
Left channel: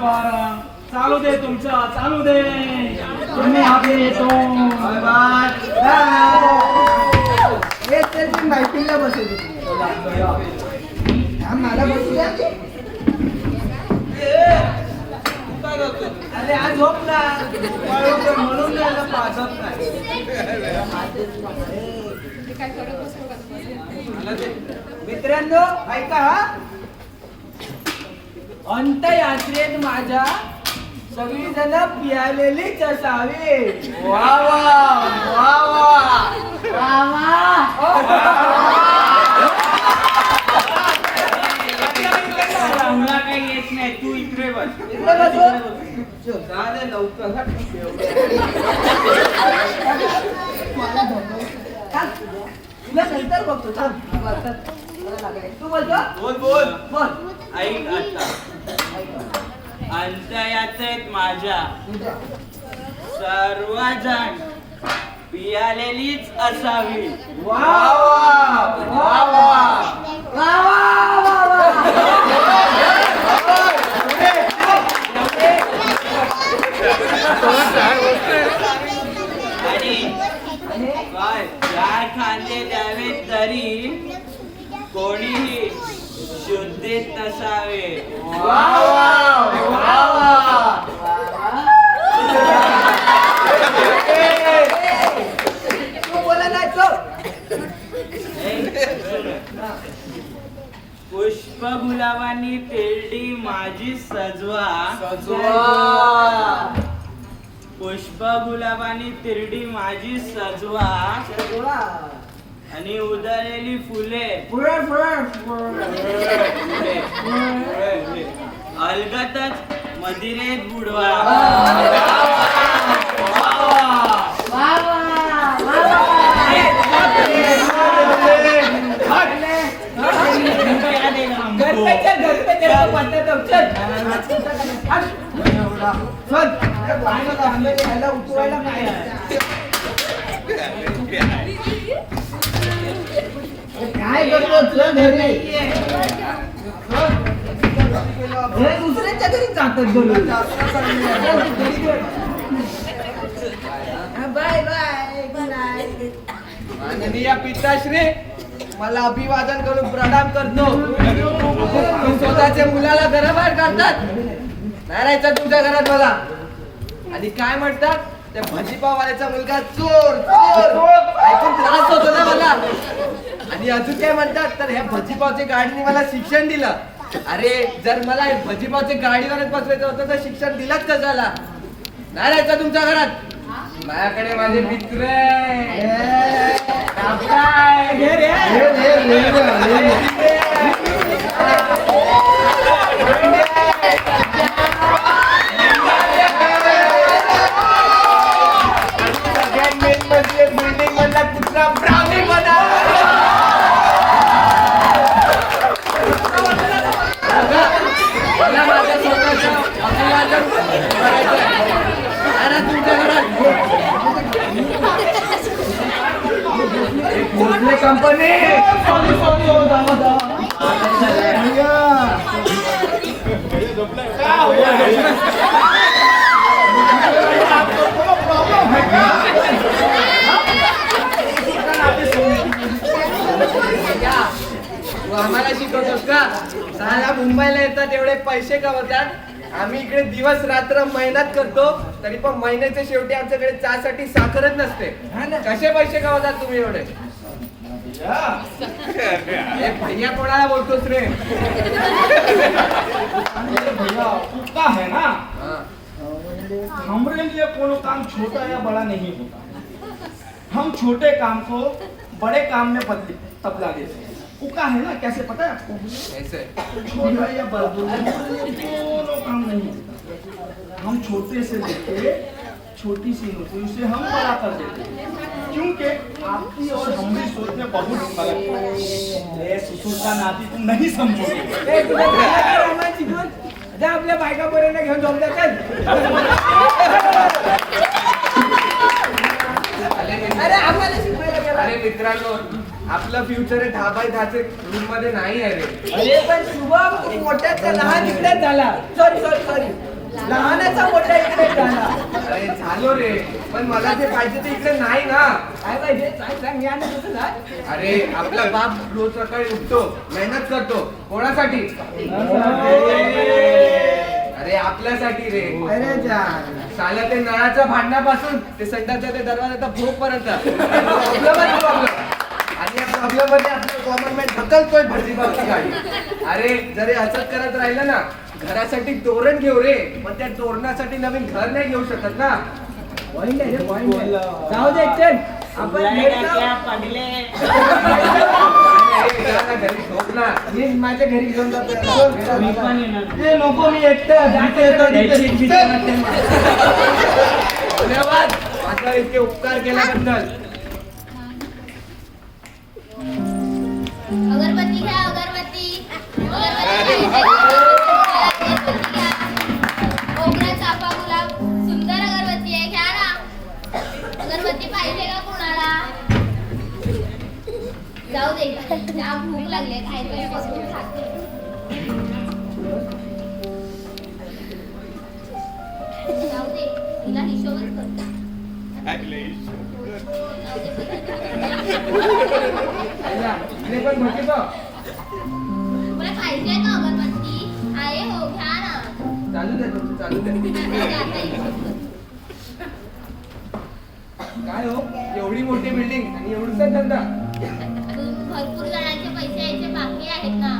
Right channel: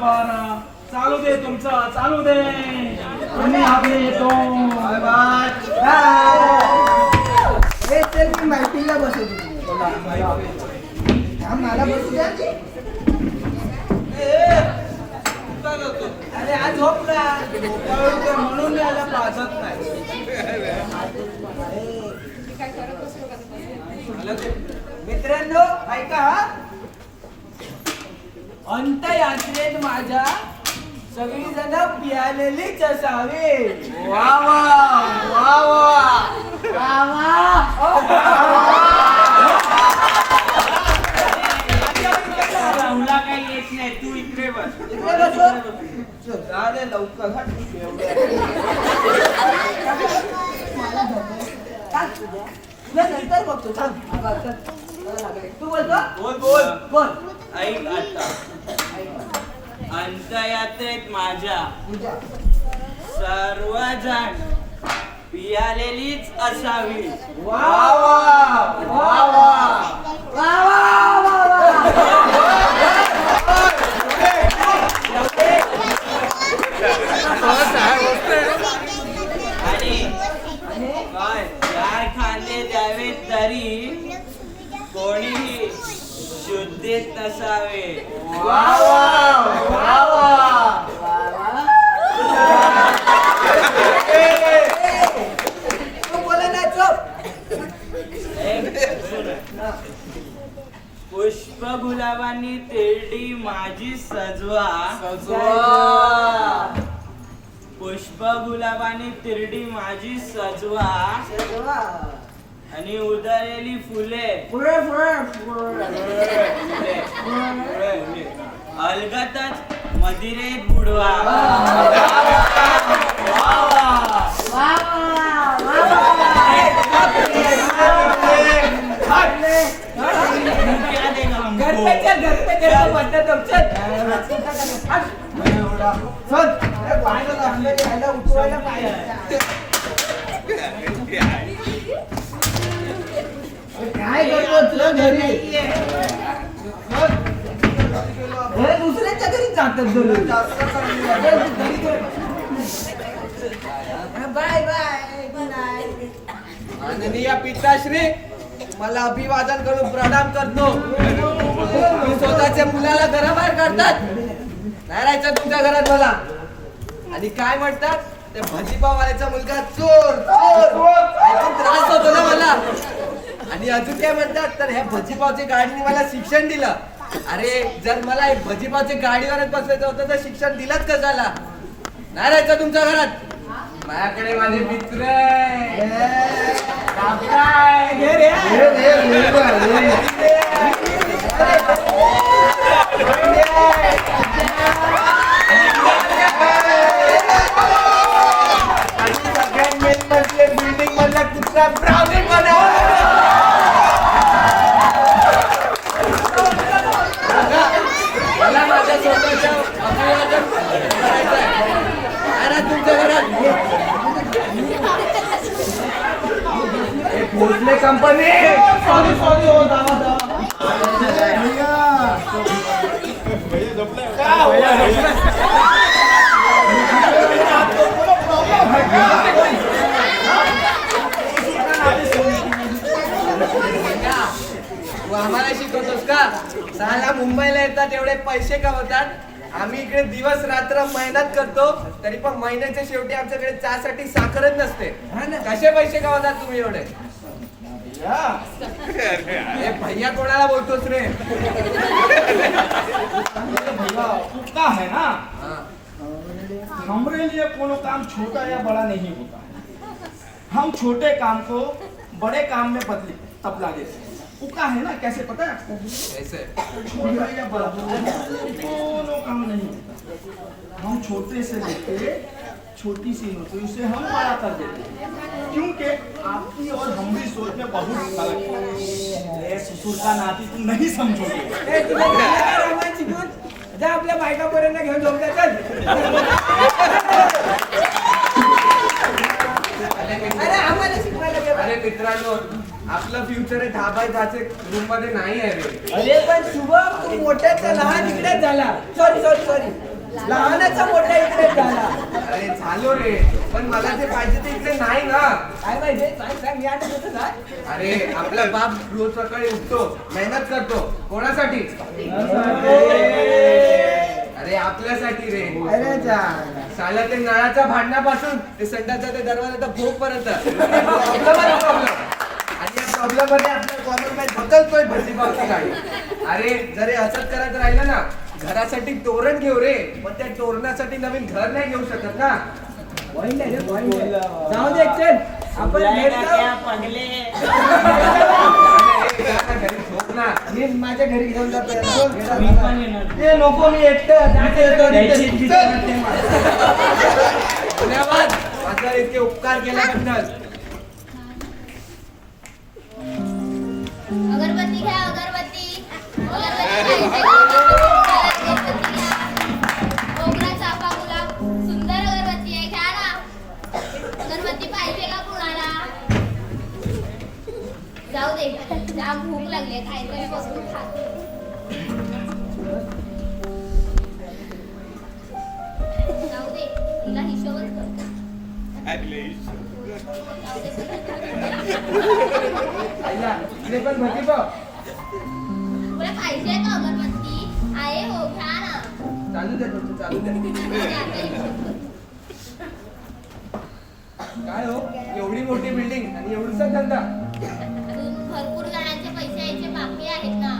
बरं चालू दे तुमचं, चालू दे. तुम्ही आधी येतो. हे चल, मी माहितीला बसवतो. मला बसू द्या. काय करतो? अरे आज झोपला म्हणून याला पाजत नाही. मित्रांनो ऐका हा, अंत्ययात्रेत माझ्या सगळी जण पियालेलीच असावी. वा वा वा वा तुला काही येत नाही, तू इकडे बस. इकडे बसू. जा रे लवकर हट. तुला नंतर बघतो. चल. तू बोलतो. बोल बोल बोल. ऐक आता, अंत्ययात्रेत माझ्या सर्वजण पियालेलीच असावी. वा वा वा वा वा आणि काय चार खांदे द्यावे तरी कोणीही शुद्धीत नसावे. वा वा वा तू बोला ना चोप. पुष्प गुलाबांनी तेरडी माझी सजवा. पुष्प गुलाबांनी तिरडी माझी सजवा आणि उधळलेली फुले अलगतच मदिरेत बुडवा. क्या देगा हमको? घर पे चल पटना चल. चल पाण्याला हल्लेली ह्याला उचलायला पाहिजे. काय करतो चल घरी. हे दुसऱ्यांच्या घरी जातात दररोज. Bye bye good night. माननीय पिताश्री, मला अभिवादन करून प्रणाम करतो. स्वतःच्या मुलाला घराबाहेर काढतात. नाही राहायचं तुमच्या घरात मला. आणि काय म्हणतात त्या भाजीपावाल्याचा मुलगा चोर चोर ऐकून त्रास होतो ना मला. आणि अजून काय म्हणतात तर ह्या भजीपावच्या गाडीने मला शिक्षण दिलं. अरे जर मला भजीपावच्या गाडीवरच बसवायचं होतं तर शिक्षण दिलंच कशाला. नाही राहायचं तुमच्या घरात. माझ्याकडे माझे मित्र बिल्डिंग मधला कुत्रा ब्राउनी बना. मला माझ्या स्वतःच्या अभिवादन करायचं आहे. तुमच्या घरात भोसले कंपनी तू आम्हाला शिकवतोस का? साला मुंबईला येतात एवढे पैसे कमवतात. आम्ही इकडे दिवस रात्र मेहनत करतो तरी पण महिन्याच्या शेवटी आमच्याकडे चहासाठी साखरच नसते. कसे पैसे कमवतात तुम्ही एवढे? हे भैया कोणाला बोलतोस रे? का है ना, हमारे लिए कोनो काम छोटा या बड़ा नहीं होता. हम छोटे काम को बड़े काम में तबला देते हैं. उका है ना, कैसे पता है आपको? ऐसे छोटा या बड़ा दोनों काम नहीं होता. हम छोटे से लेके छोटी सी होती उसे हम बड़ा कर देते हैं. क्योंकि आपकी और हमारी सोच में बहुत फर्क है. ससुर का नाती तुम नहीं समझोगे. आपल्या बायका पर्यंत घेऊन झोपल्या. चल अरे आम्हाला शिकवायला गेला. अरे मित्रांनो, आपलं फ्युचर 10x10 रूम मध्ये नाही आहे रे. अरे पण शुभम, तू मोठ्याचा लहान इकडेच झाला. सॉरी लहानाचा मोठा इकडेच झाला. अरे झालो रे, पण मला ते पाहिजे ते इकडे नाही ना. काय पाहिजे सांग मी आणि तुझं सांग. अरे आपला बाप रोज सकाळी उठतो, मेहनत करतो. कोणासाठी? अरे आपल्यासाठी रे. अरे साला ते नळाच्या भांडणापासून ते संडाचा ते दरवाजाचा भोग पर्यंत प्रॉब्लेम. आणि प्रॉब्लेम मध्ये आपल्या कॉमन मॅन ढकलतोय भाजीपावची गाडी. अरे जरी असंच करत राहिलं ना, घरासाठी तोरण घेऊ रे, पण त्या तोरणासाठी नवीन घर नाही घेऊ शकत ना. पॉइंट आहे रे, पॉइंट आहे. जाऊ दे चल, आपण भेट जाऊ. क्या पगले. घरी झोप ना, मी माझ्या घरी घेऊन जातो याला. मी पण येणार. ते नको, मी एकटं यायची भीती वाटते मला. धन्यवाद माझ्यावर इतके उपकार केल्याबद्दल. अगरबत्ती घ्या, अगरबत्ती. अगरबत्ती पाहिजे का? अगरबत्ती घ्या. मोगरा, चाफा, गुलाब, सुंदर अगरबत्ती आहे, घ्या ना. अगरबत्ती पाहिजे का कुणाला? जाऊ दे, त्या भूक लागली आहे, काहीतरी बसून खाते. जाऊ दे, तिला हिशोबच करते. जाऊ दे, आईला, इकडे पण भजी का? तुम्हाला पाहिजे का अगरबत्ती? आहे हो, घ्या ना. चालू दे तुमचं, चालू दे. जाऊ दे, आता हिशोब कर. काय हो, एवढी मोठी बिल्डिंग आणि एवढूसा धंदा, अजून भरपूर जणांचे पैसे यायचे बाकी आहेत ना.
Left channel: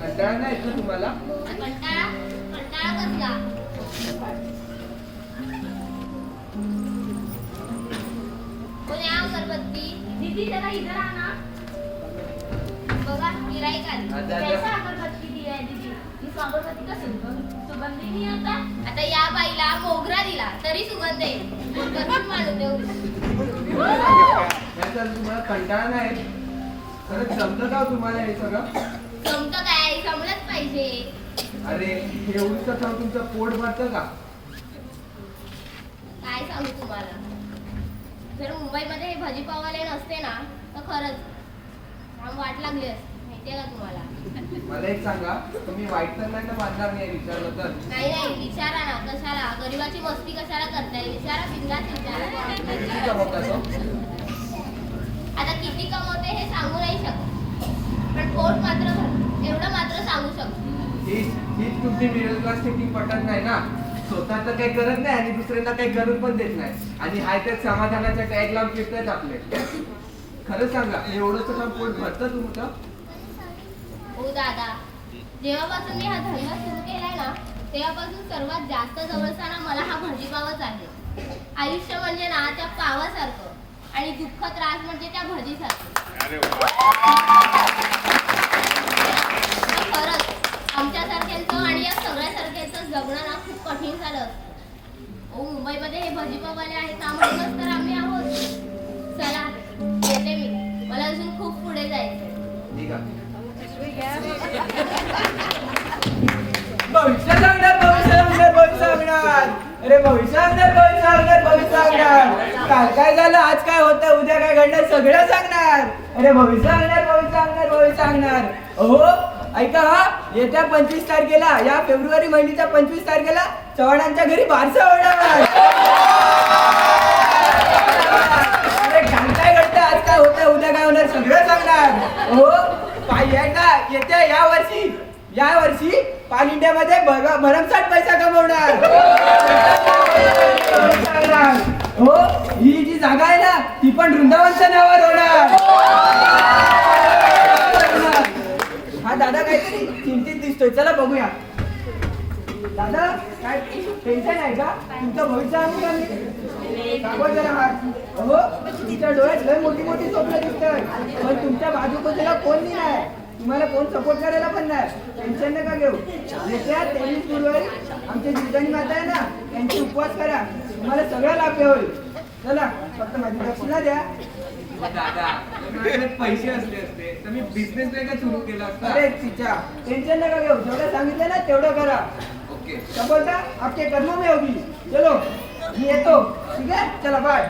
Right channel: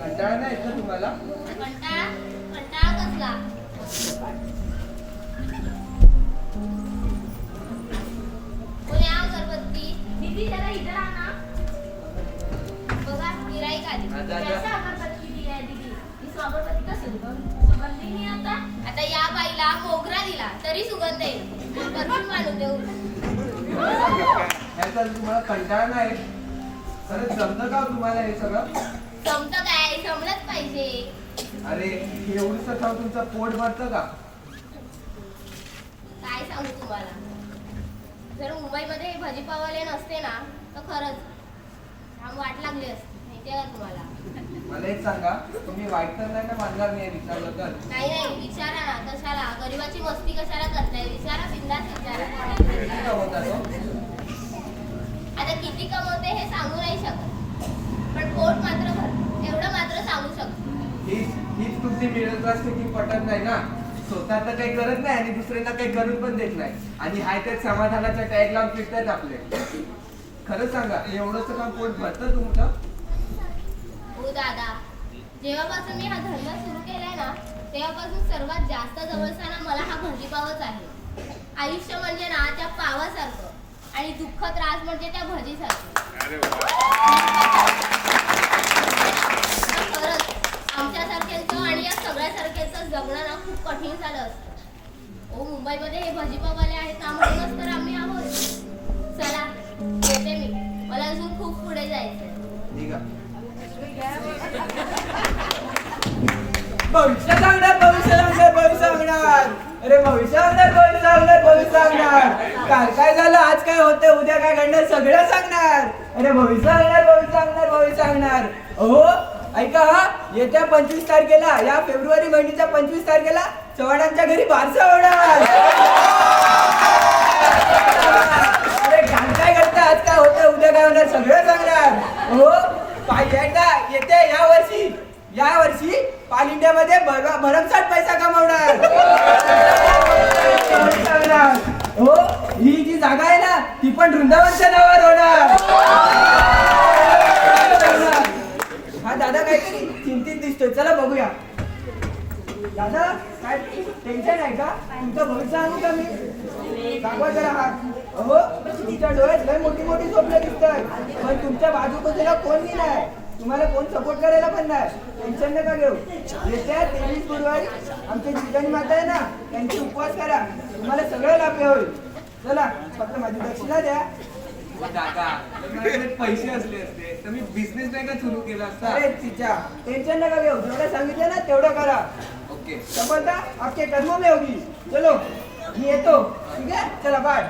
कंटाळा नाही येत का तुम्हाला? कंटाळा कंटाळा कसला? कोणी अगरबत्ती दीदी जरा इधर आना. बघा गिराईक आली. हा, जा, जा. कैसा अगरबत्ती दी आहे दीदी? इस अगरबत्ती का सुगंध नहीं आता. आता या बाईला मोगरा दिला तरी सुगंध येईल. परफ्यूम आणून देऊ. याचा तुम्हाला कंटाळा नाही येत? खरंच जमतं का हो तुम्हाला हे सगळं? जमतं काय? जमलंच पाहिजे. अरे हे एवढंसं खाऊन तुमचं पोट भरतं का? काय सांगू तुम्हाला, जर मुंबईमध्ये हे भाजीपाववाले नसते ना तर खरंच जाम वाट लागली असती. माहितीये का तुम्हाला? मला एक सांगा, तुम्ही वाईट तर नाही ना मानणार मी हे विचारलं तर? नाही नाही, विचारा ना. कशाला गरीबाची मस्ती कशाला करताय? विचारा, बिंदास विचारा. किती कमवता तो? आता किती कमवते हे सांगू नाही शकत, पण पोट मात्र भरते एवढं मात्र सांगू शकतो. हीच तुमची मिडल क्लास स्थिती पटत नाही ना. स्वतः तर काही करत नाही आणि दुसऱ्यांना काही करून पण देत नाही, आणि हाय त्यात समाधानाचा टॅग लावून फिरतात आपले. खरं सांगा, एवढंच काम पोट भरतं तुमचं? हो दादा, जेव्हापासून मी हा धंदा सुरू केलाय ना तेव्हापासून सर्वात जास्त जवळचा ना मला हा भाजीपावच आहे. आयुष्य म्हणजे ना त्या पावासारखं आणि दुःख त्रास म्हणजे त्या भजीसारखं. खरंच आमच्यासारख्यांचं आणि या सगळ्यासारख्यांचं जगणं ना खूप कठीण झालं असतं. हो, मुंबईमध्ये हे भाजीपाववाले आहेत ना म्हणूनच तर आम्ही आहोत. चला येते मी, मला अजून खूप पुढे जायचंय. ठीक आहे. भविष्य सांगणार, भविष्य सांगणार, भविष्य सांगणार. अरे भविष्य सांगणार, भविष्य सांगणार, भविष्य सांगणार. काल काय झालं, आज काय होतं, उद्या काय घडणार, सगळं सांगणार. अरे भविष्य सांगणार, भविष्य सांगणार, भविष्य सांगणार. हो ऐका, हा येत्या 25 तारखेला, या फेब्रुवारी महिन्याच्या 25 तारखेला चव्हाणांच्या घरी बारसा होणार. अरे काल काय घडतं, आज काय होतं, उद्या काय होणार, सगळं सांगणार. हो येत्या या वर्षी पाल इंडियामध्ये भरमसाठ पैसा कमवणार. हो, ही जी जागा आहे ना ती पण वृंदावनच्या नावावर होणार. हा दादा काहीतरी चिंतित दिसतोय, चला बघूया. दादा काय टेन्शन आहे का? तुमचं भविष्य आणू का मी? दाखवा जरा हात. हो, तुमच्या डोळ्यात लय मोठी मोठी स्वप्न दिसतात, पण तुमच्या बाजूला कोणी नाही, तुम्हाला कोण सपोर्ट करायला पण नाही. टेन्शन नका घेऊ. येत्या 23 फेब्रुवारी आमच्या जिजानी माता आहे ना त्यांची उपवास करा, तुम्हाला सगळं लाभ होईल. चला फक्त माझी दक्षिणा द्या. दादा, माझ्याकडे पैसे असले असते तर मी बिझनेस नाही का सुरू केला असता? अरे तिच्या टेन्शन नका घेऊ, जेवढं सांगितलं ना तेवढं करा. ओके. सफलता आपके कर्मों में होगी. चलो मी येतो. ठीक आहे, चला बाय.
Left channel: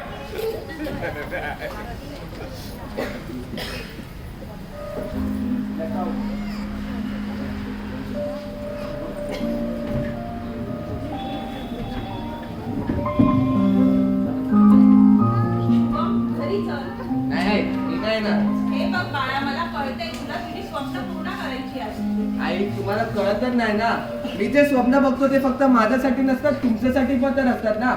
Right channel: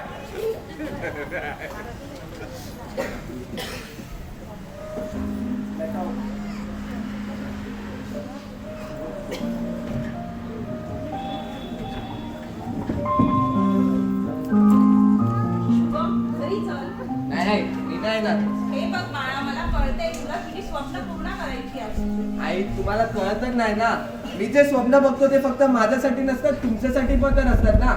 नाही मी नाही ना. हे बघ बाळा, मला कळतंय तुला तुझी स्वप्न पूर्ण करायची आहे. आई तुम्हाला कळतच नाही ना, मी जे स्वप्न बघतो ते फक्त माझ्यासाठी नसतात, तुमच्यासाठी पण तर असतात ना.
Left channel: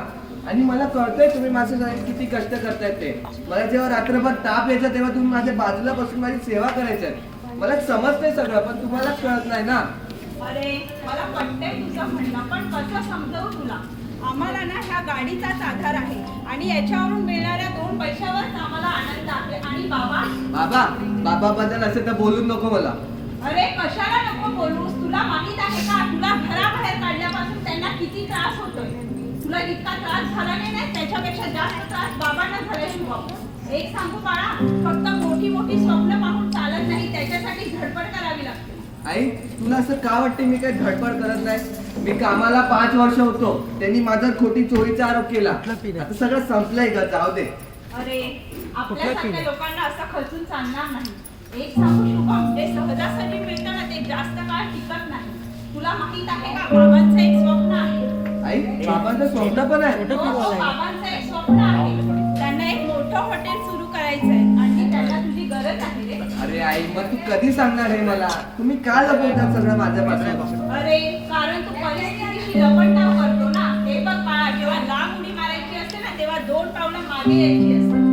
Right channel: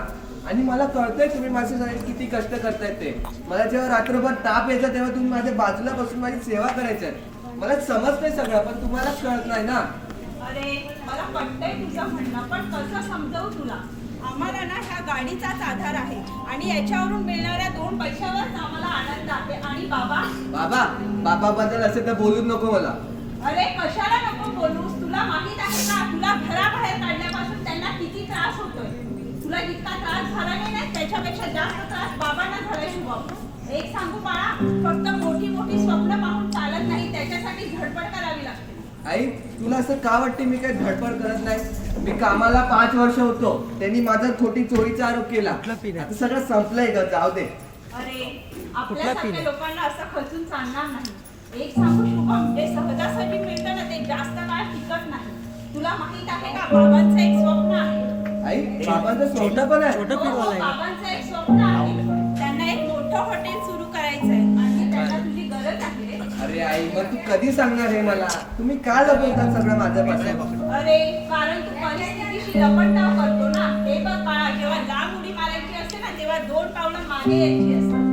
आणि मला कळतंय तुम्ही माझ्यासाठी किती कष्ट करतायत ते. मला जेव्हा रात्रभर ताप यायचा तेव्हा तुम्ही माझ्या बाजूला बसून माझी सेवा करायची. मला समजतंय सगळं, पण तुम्हालाच कळत नाही ना. अरे मला पटतंय तुझं म्हणणं, पण कसं समजावू तुला? आम्हाला ना ह्या गाडीचाच आधार आहे आणि याच्यावरून मिळणाऱ्या 2 पैशावरच आम्हाला आनंद आहे. आणि बाबा बाबा बद्दल असे तर बोलूच नको मला. अरे कशाला नको बोलूस? तुला माहित आहे का तुला घराबाहेर काढल्यापासून त्यांना किती त्रास होतोय? तुला जितका त्रास झाला नाही त्याच्यापेक्षा जास्त त्रास बाबांना झालाय शुभम. एक सांगू बाळा, फक्त मोठी मोठी स्वप्न पाहून चालत नाही, त्याच्यासाठी धडपड करावी लागते. आई तुला असं का वाटते मी काही धडपड करत नाही? मी कामाला 5 वर्ष होतो, त्यांनी माझा खोटी चोरीचा आरोप केला. आता सगळं संपलंय ग, जाऊ दे. अरे आपल्यासारख्या लोकांना असं खचून चालणार नाही. एक सांगू शुभम, जे सहजासहजी मिळतं ना ते जास्त काळ टिकत नाही. तुला माहित आहे का बाबांचं एक स्वप्न आहे. आई बाबांचं स्वप्न पण आहे. बाबांचं एक स्वप्न आहे. त्यांना एक मोठं हॉटेल सुरू करायचं आहे आणि त्यांना तुझी गरज आहे रे. अरे आई मग तू कधी सांगणार हे मला? तुम्ही का लपवतात सगळं माझ्यापासून? अरे कारण तू परिस्थितीशी लपंडाव करतो ना. हे बघ बाळा, जेव्हा लांब उडी मारायची असते ना तेव्हा 2 पावलं मागे यायची असते.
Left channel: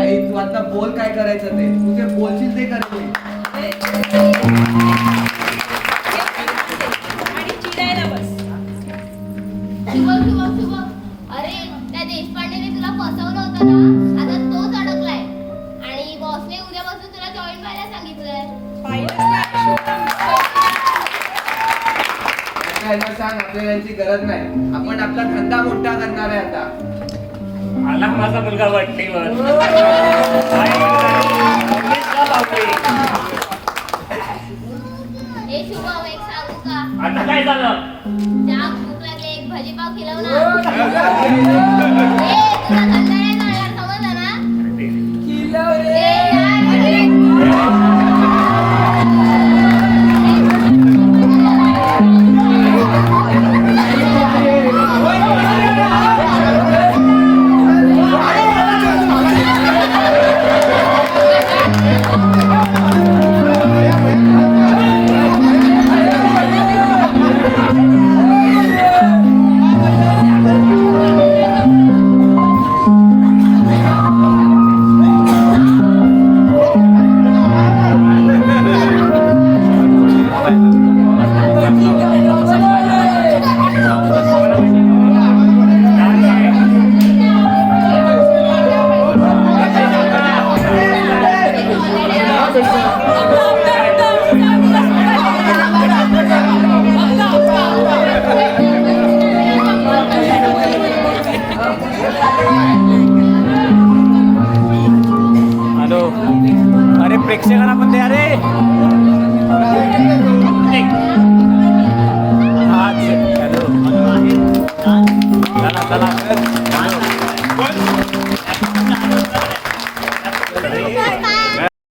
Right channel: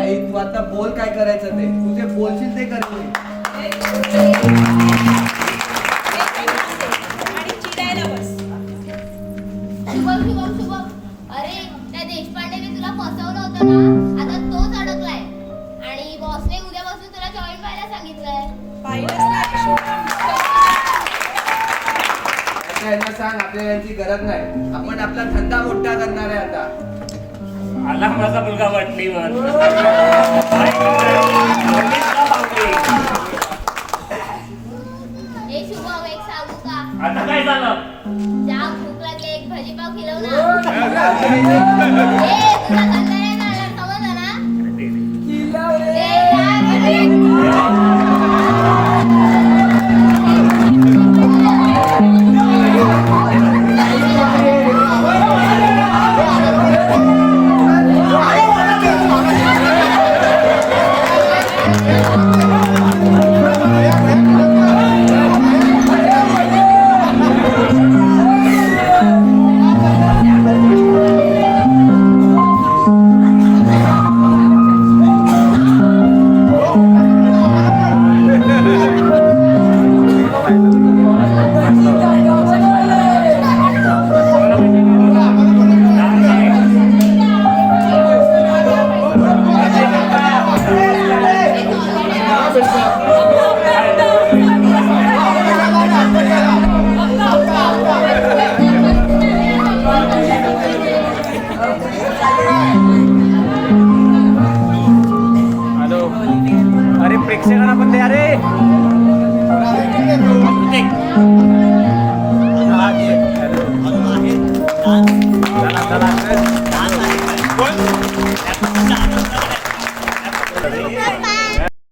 आई तू आता बोल काय करायचं ते, तू जे बोलशील ते करेल. आणि चिडायला बस. शुभम अरे त्या देशपांडेने तुला फसवलं होतं ना, आता तोच अडकलाय आणि बॉसने उद्यापासून तुला जॉईन व्हायला सांगितलंय. पाहिलंच ना शुभम. आता यांना सांग आपल्याला यांची गरज नाही, आपण आपला धंदा मोठा करणार आहे आता. आला माझा मुलगा वाटलीवर. हे शुभम एक सांगू का? आता काय झालं? जाम भूक लागली, एक भाजीपाव खिलव ना. ए तुला धंदा नाही कळणार, समजलं ना? ए, अरे प्रेक्षकांना पण द्या रे. चला